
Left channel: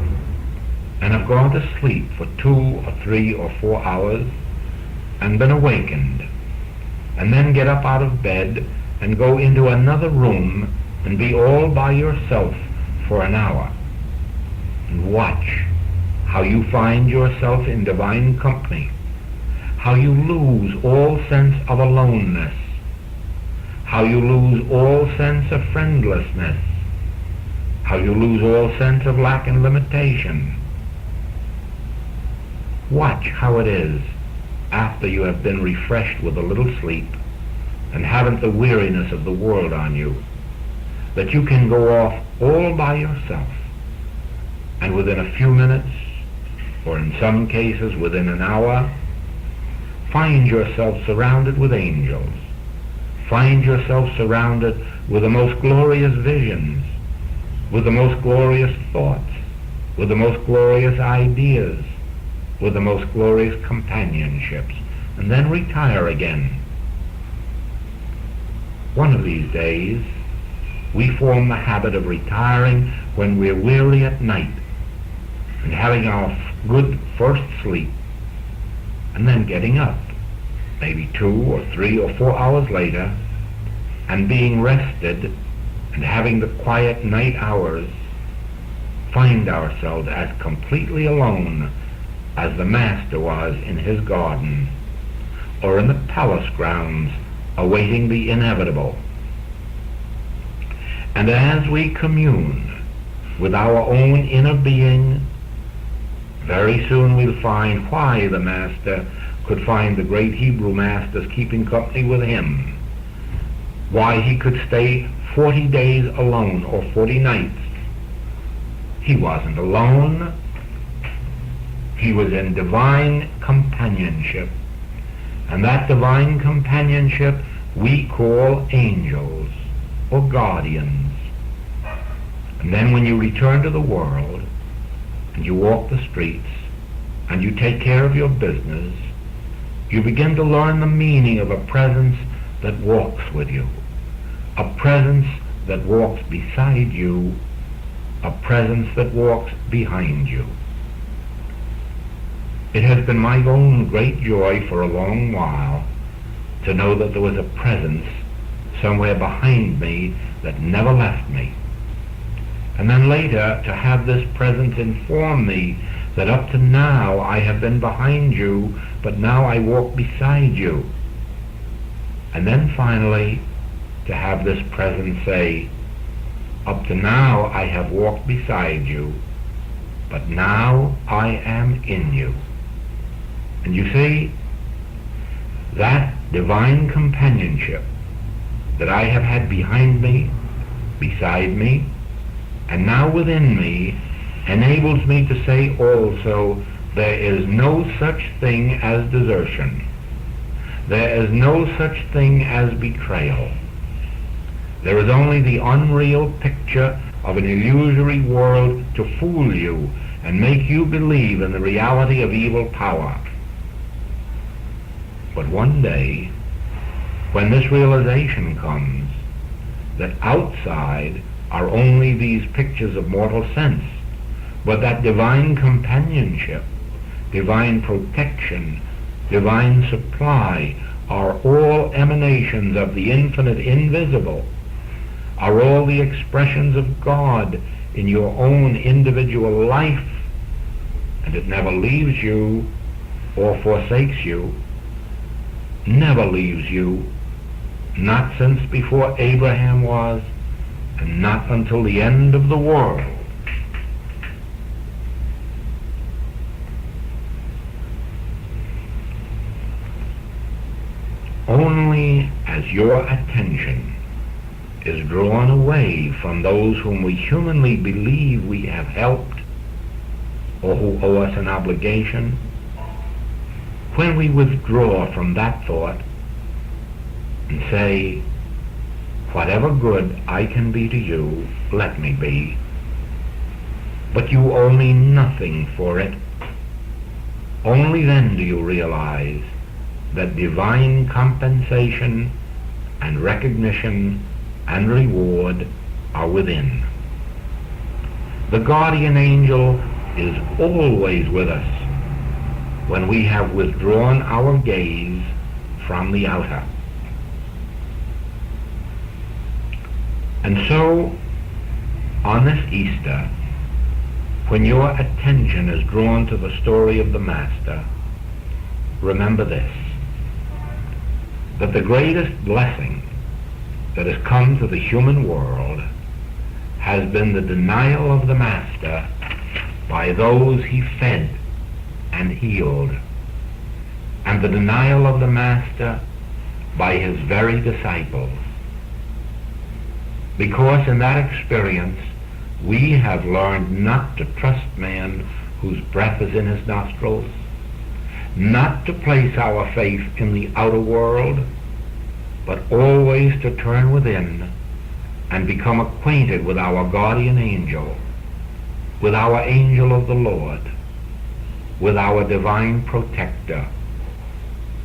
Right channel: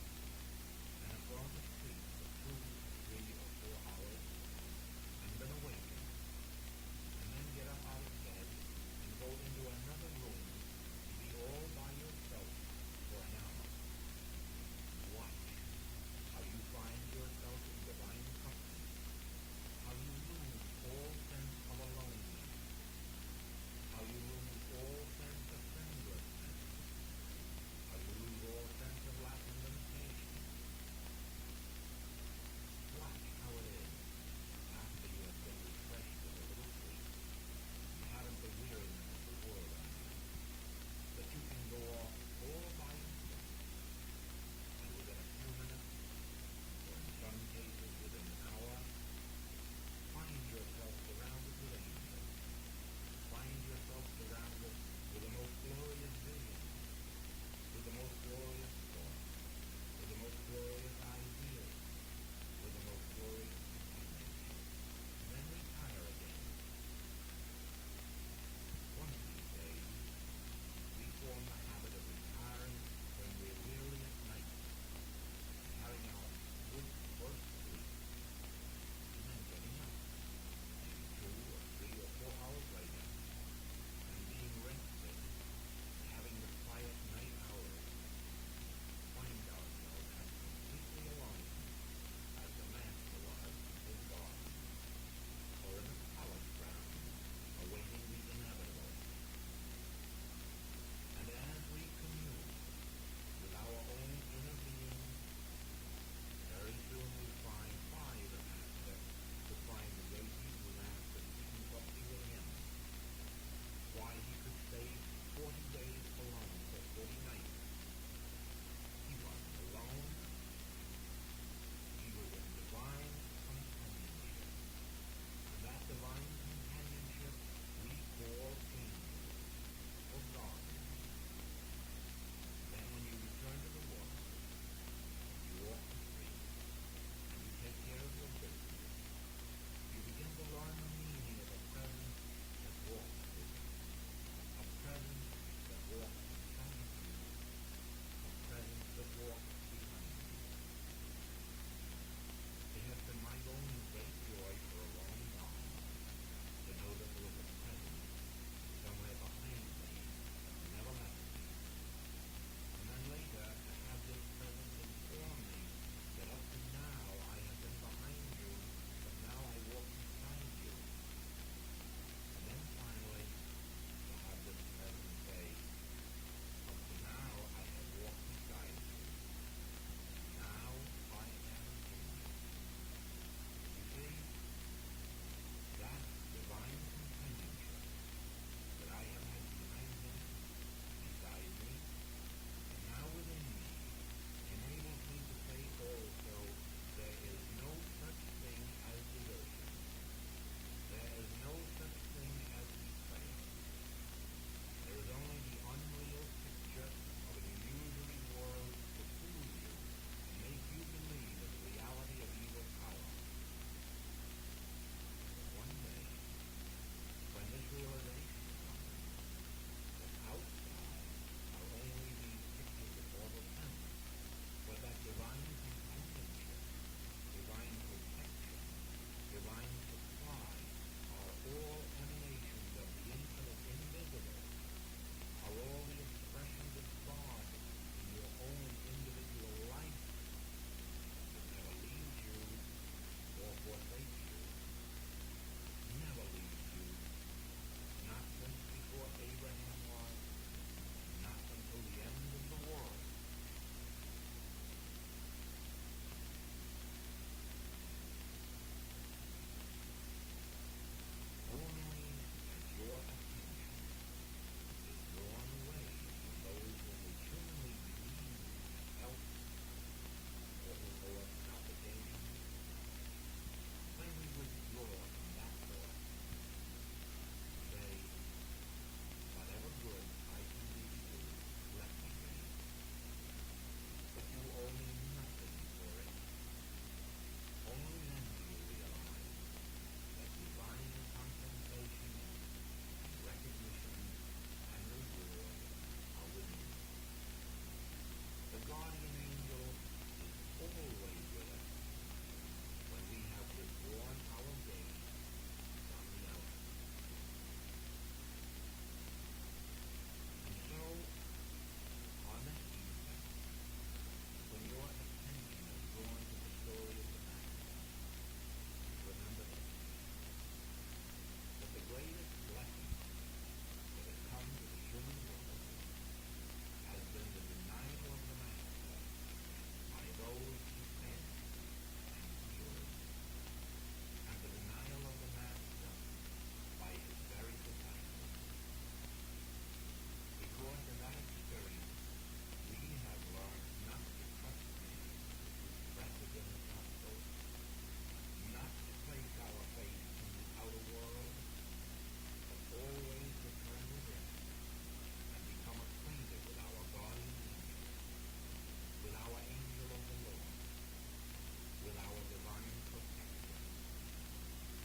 and have gone to sleep for 2 or 3 or 4 hours and been awakened, and then get up out of bed and go into another room and be all by yourself for an hour, and watch how you find yourself in divine company, how you lose all sense of aloneness, how you lose all sense of friendlessness, how you lose all sense of lack and limitation. Watch how it is, after you have been refreshed with a little sleep and haven't the weariness of the world on you, that you can go off all by yourself, and within a few minutes, or in some cases within an hour, find yourself surrounded with angels, find yourself surrounded with the most glorious visions, with the most glorious thoughts, with the most glorious ideas, with the most glorious companionships, and then retire again. One of these days, we form the habit of retiring when we're weary at night and having our good first sleep, and then getting up, maybe 2 or 3 or 4 hours later, and being rested and having the quiet night hours, find ourselves as completely alone as the Master was in his garden, or in the palace grounds awaiting the inevitable. And as we commune with our own inner being, very soon we'll find why the Master could find the great Hebrew masters keeping company with him, why he could stay 40 days alone or 40 nights. He wasn't alone. He was in divine companionship. And that divine companionship we call angels or guardians. And then when you return to the world and you walk the streets and you take care of your business, you begin to learn the meaning of a presence that walks with you, a presence that walks beside you, a presence that walks behind you. It has been my own great joy for a long while to know that there was a presence somewhere behind me that never left me. And then later to have this presence inform me that up to now I have been behind you, but now I walk beside you. And then finally to have this presence say, up to now I have walked beside you, but now I am in you. And you see, that divine companionship that I have had behind me, beside me, and now within me, enables me to say also, there is no such thing as desertion. There is no such thing as betrayal. There is only the unreal picture of an illusory world to fool you and make you believe in the reality of evil power. But one day, when this realization comes, that outside are only these pictures of mortal sense, but that divine companionship, divine protection, divine supply are all emanations of the infinite invisible, are all the expressions of God in your own individual life, and it never leaves you or forsakes you, never leaves you, not since before Abraham was, and not until the end of the world. Only as your attention is drawn away from those whom we humanly believe we have helped or who owe us an obligation, when we withdraw from that thought and say, whatever good I can be to you, let me be, but you owe me nothing for it, only then do you realize that divine compensation and recognition and reward are within. The guardian angel is always with us when we have withdrawn our gaze from the outer. And so, on this Easter, when your attention is drawn to the story of the Master, remember this, that the greatest blessing that has come to the human world has been the denial of the Master by those he fed and healed, and the denial of the Master by his very disciples. Because in that experience we have learned not to trust man whose breath is in his nostrils, not to place our faith in the outer world, but always to turn within and become acquainted with our guardian angel, with our angel of the Lord, with our divine protector,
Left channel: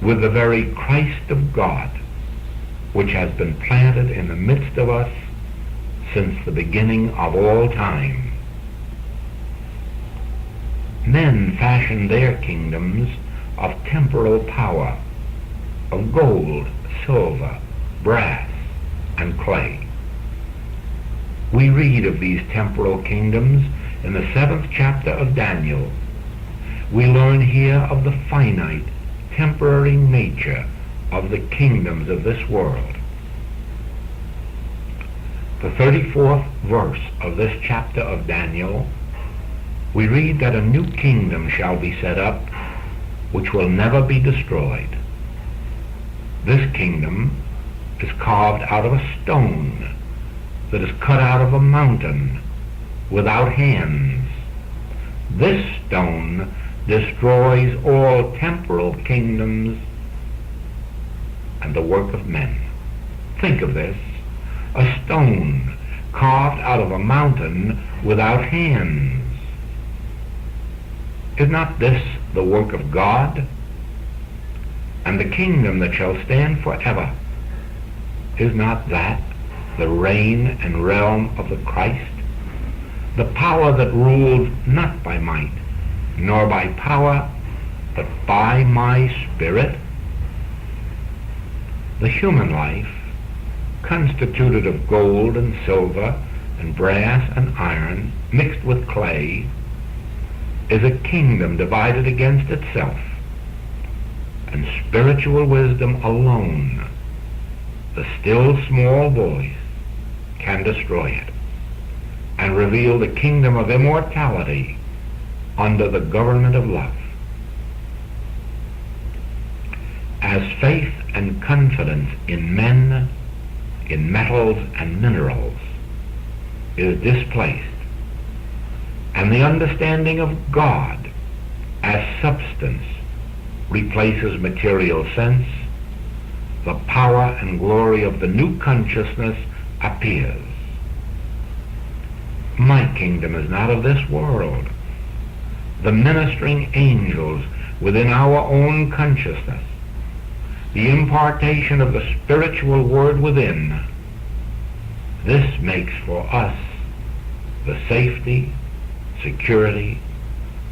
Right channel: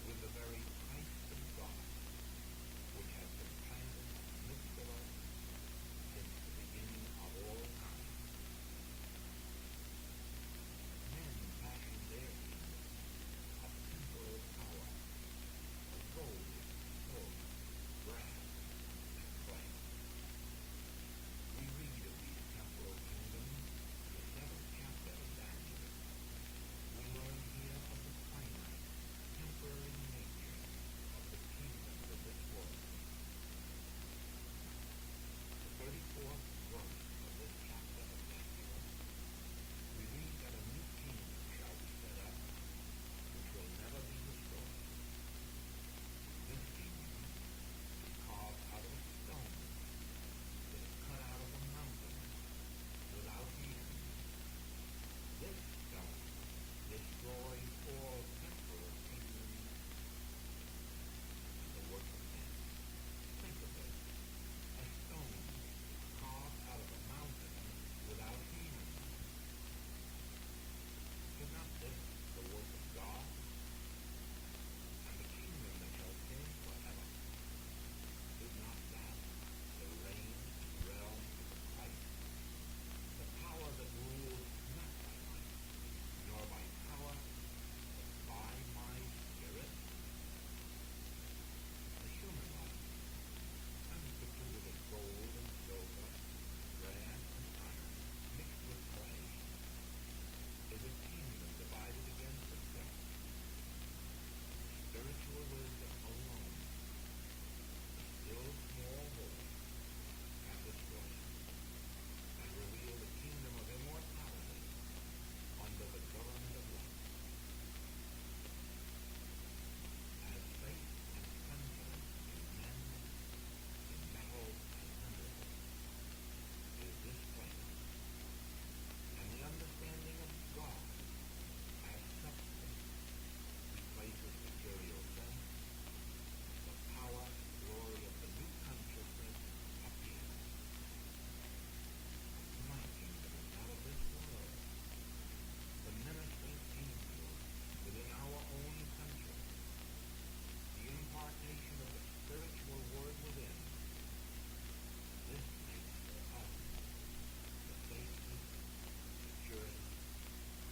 with the very Christ of God, which has been planted in the midst of us since the beginning of all time. Men fashioned their kingdoms of temporal power, of gold, silver, brass, and clay. We read of these temporal kingdoms in the 7th chapter of Daniel. We learn here of the finite, temporary nature of the kingdoms of this world. The 34th verse of this chapter of Daniel, we read that a new kingdom shall be set up, which will never be destroyed. This kingdom is carved out of a stone that is cut out of a mountain without hands. This stone destroys all temporal kingdoms and the work of men. Think of this, a stone carved out of a mountain without hands. Is not this the work of God? And the kingdom that shall stand forever, is not that the reign and realm of the Christ? The power that rules not by might, nor by power, but by my Spirit? The human life, constituted of gold and silver and brass and iron mixed with clay, is a kingdom divided against itself, and spiritual wisdom alone, the still small voice, can destroy it and reveal the kingdom of immortality under the government of love. As faith and confidence in men, in metals and minerals is displaced, and the understanding of God as substance replaces material sense, the power and glory of the new consciousness appears. My kingdom is not of this world. The ministering angels within our own consciousness, the impartation of the spiritual word within, this makes for us the safety, security,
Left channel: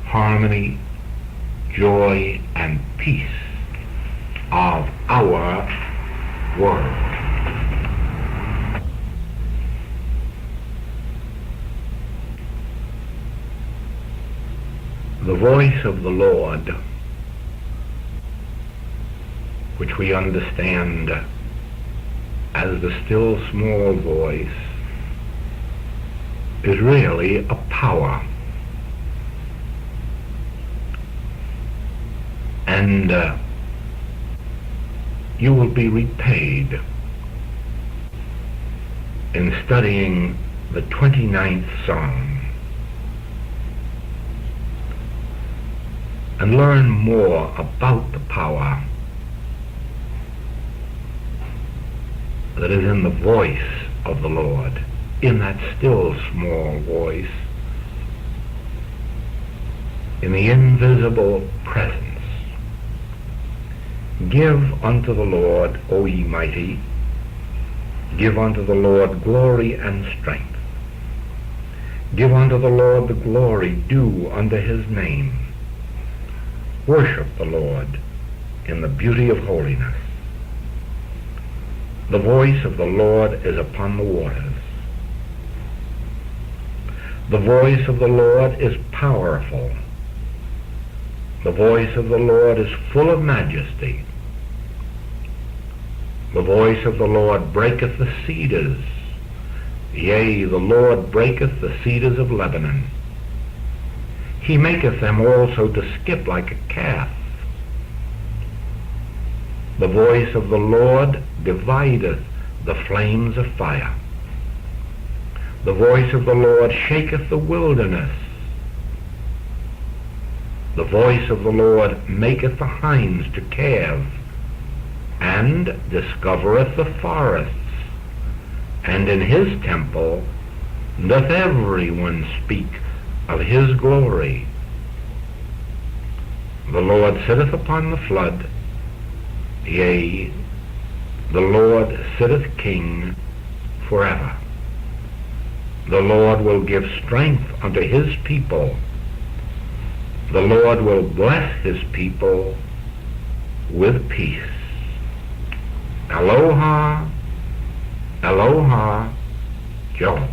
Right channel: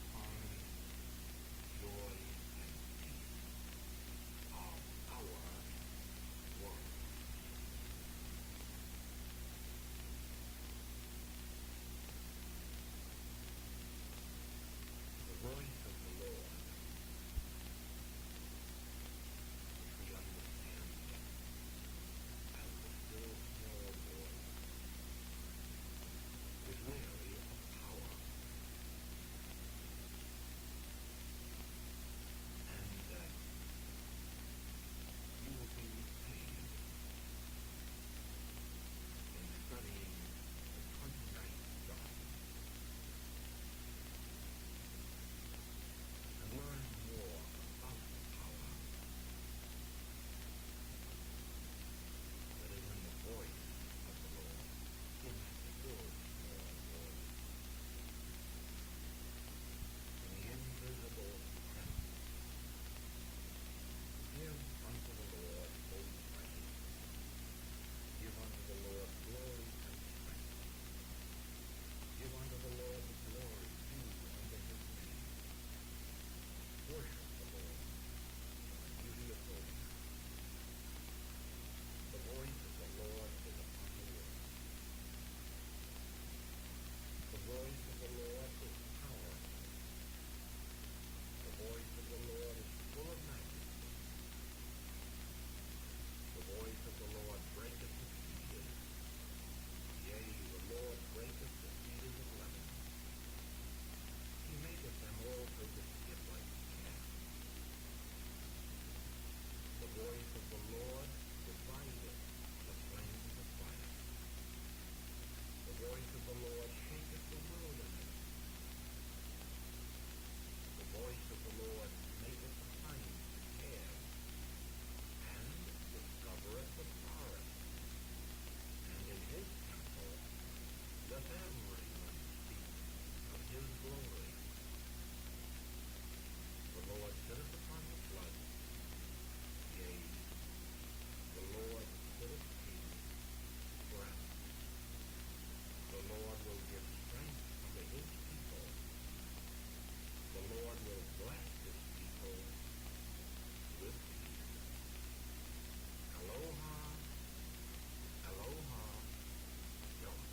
harmony, joy, and peace of our world. The voice of the Lord, which we understand as the still small voice, is really a power. And you will be repaid in studying the 29th Psalm and learn more about the power that is in the voice of the Lord, in that still small voice, in the invisible presence. Give unto the Lord, O ye mighty, give unto the Lord glory and strength. Give unto the Lord the glory due unto his name. Worship the Lord in the beauty of holiness. The voice of the Lord is upon the waters. The voice of the Lord is powerful. The voice of the Lord is full of majesty. The voice of the Lord breaketh the cedars. Yea, the Lord breaketh the cedars of Lebanon. He maketh them also to skip like a calf. The voice of the Lord divideth the flames of fire. The voice of the Lord shaketh the wilderness. The voice of the Lord maketh the hinds to calve, and discovereth the forests. And in his temple doth every one speak of his glory. The Lord sitteth upon the flood. Yea, the Lord sitteth king forever. The Lord will give strength unto his people. The Lord will bless his people with peace. Aloha, aloha, Joe.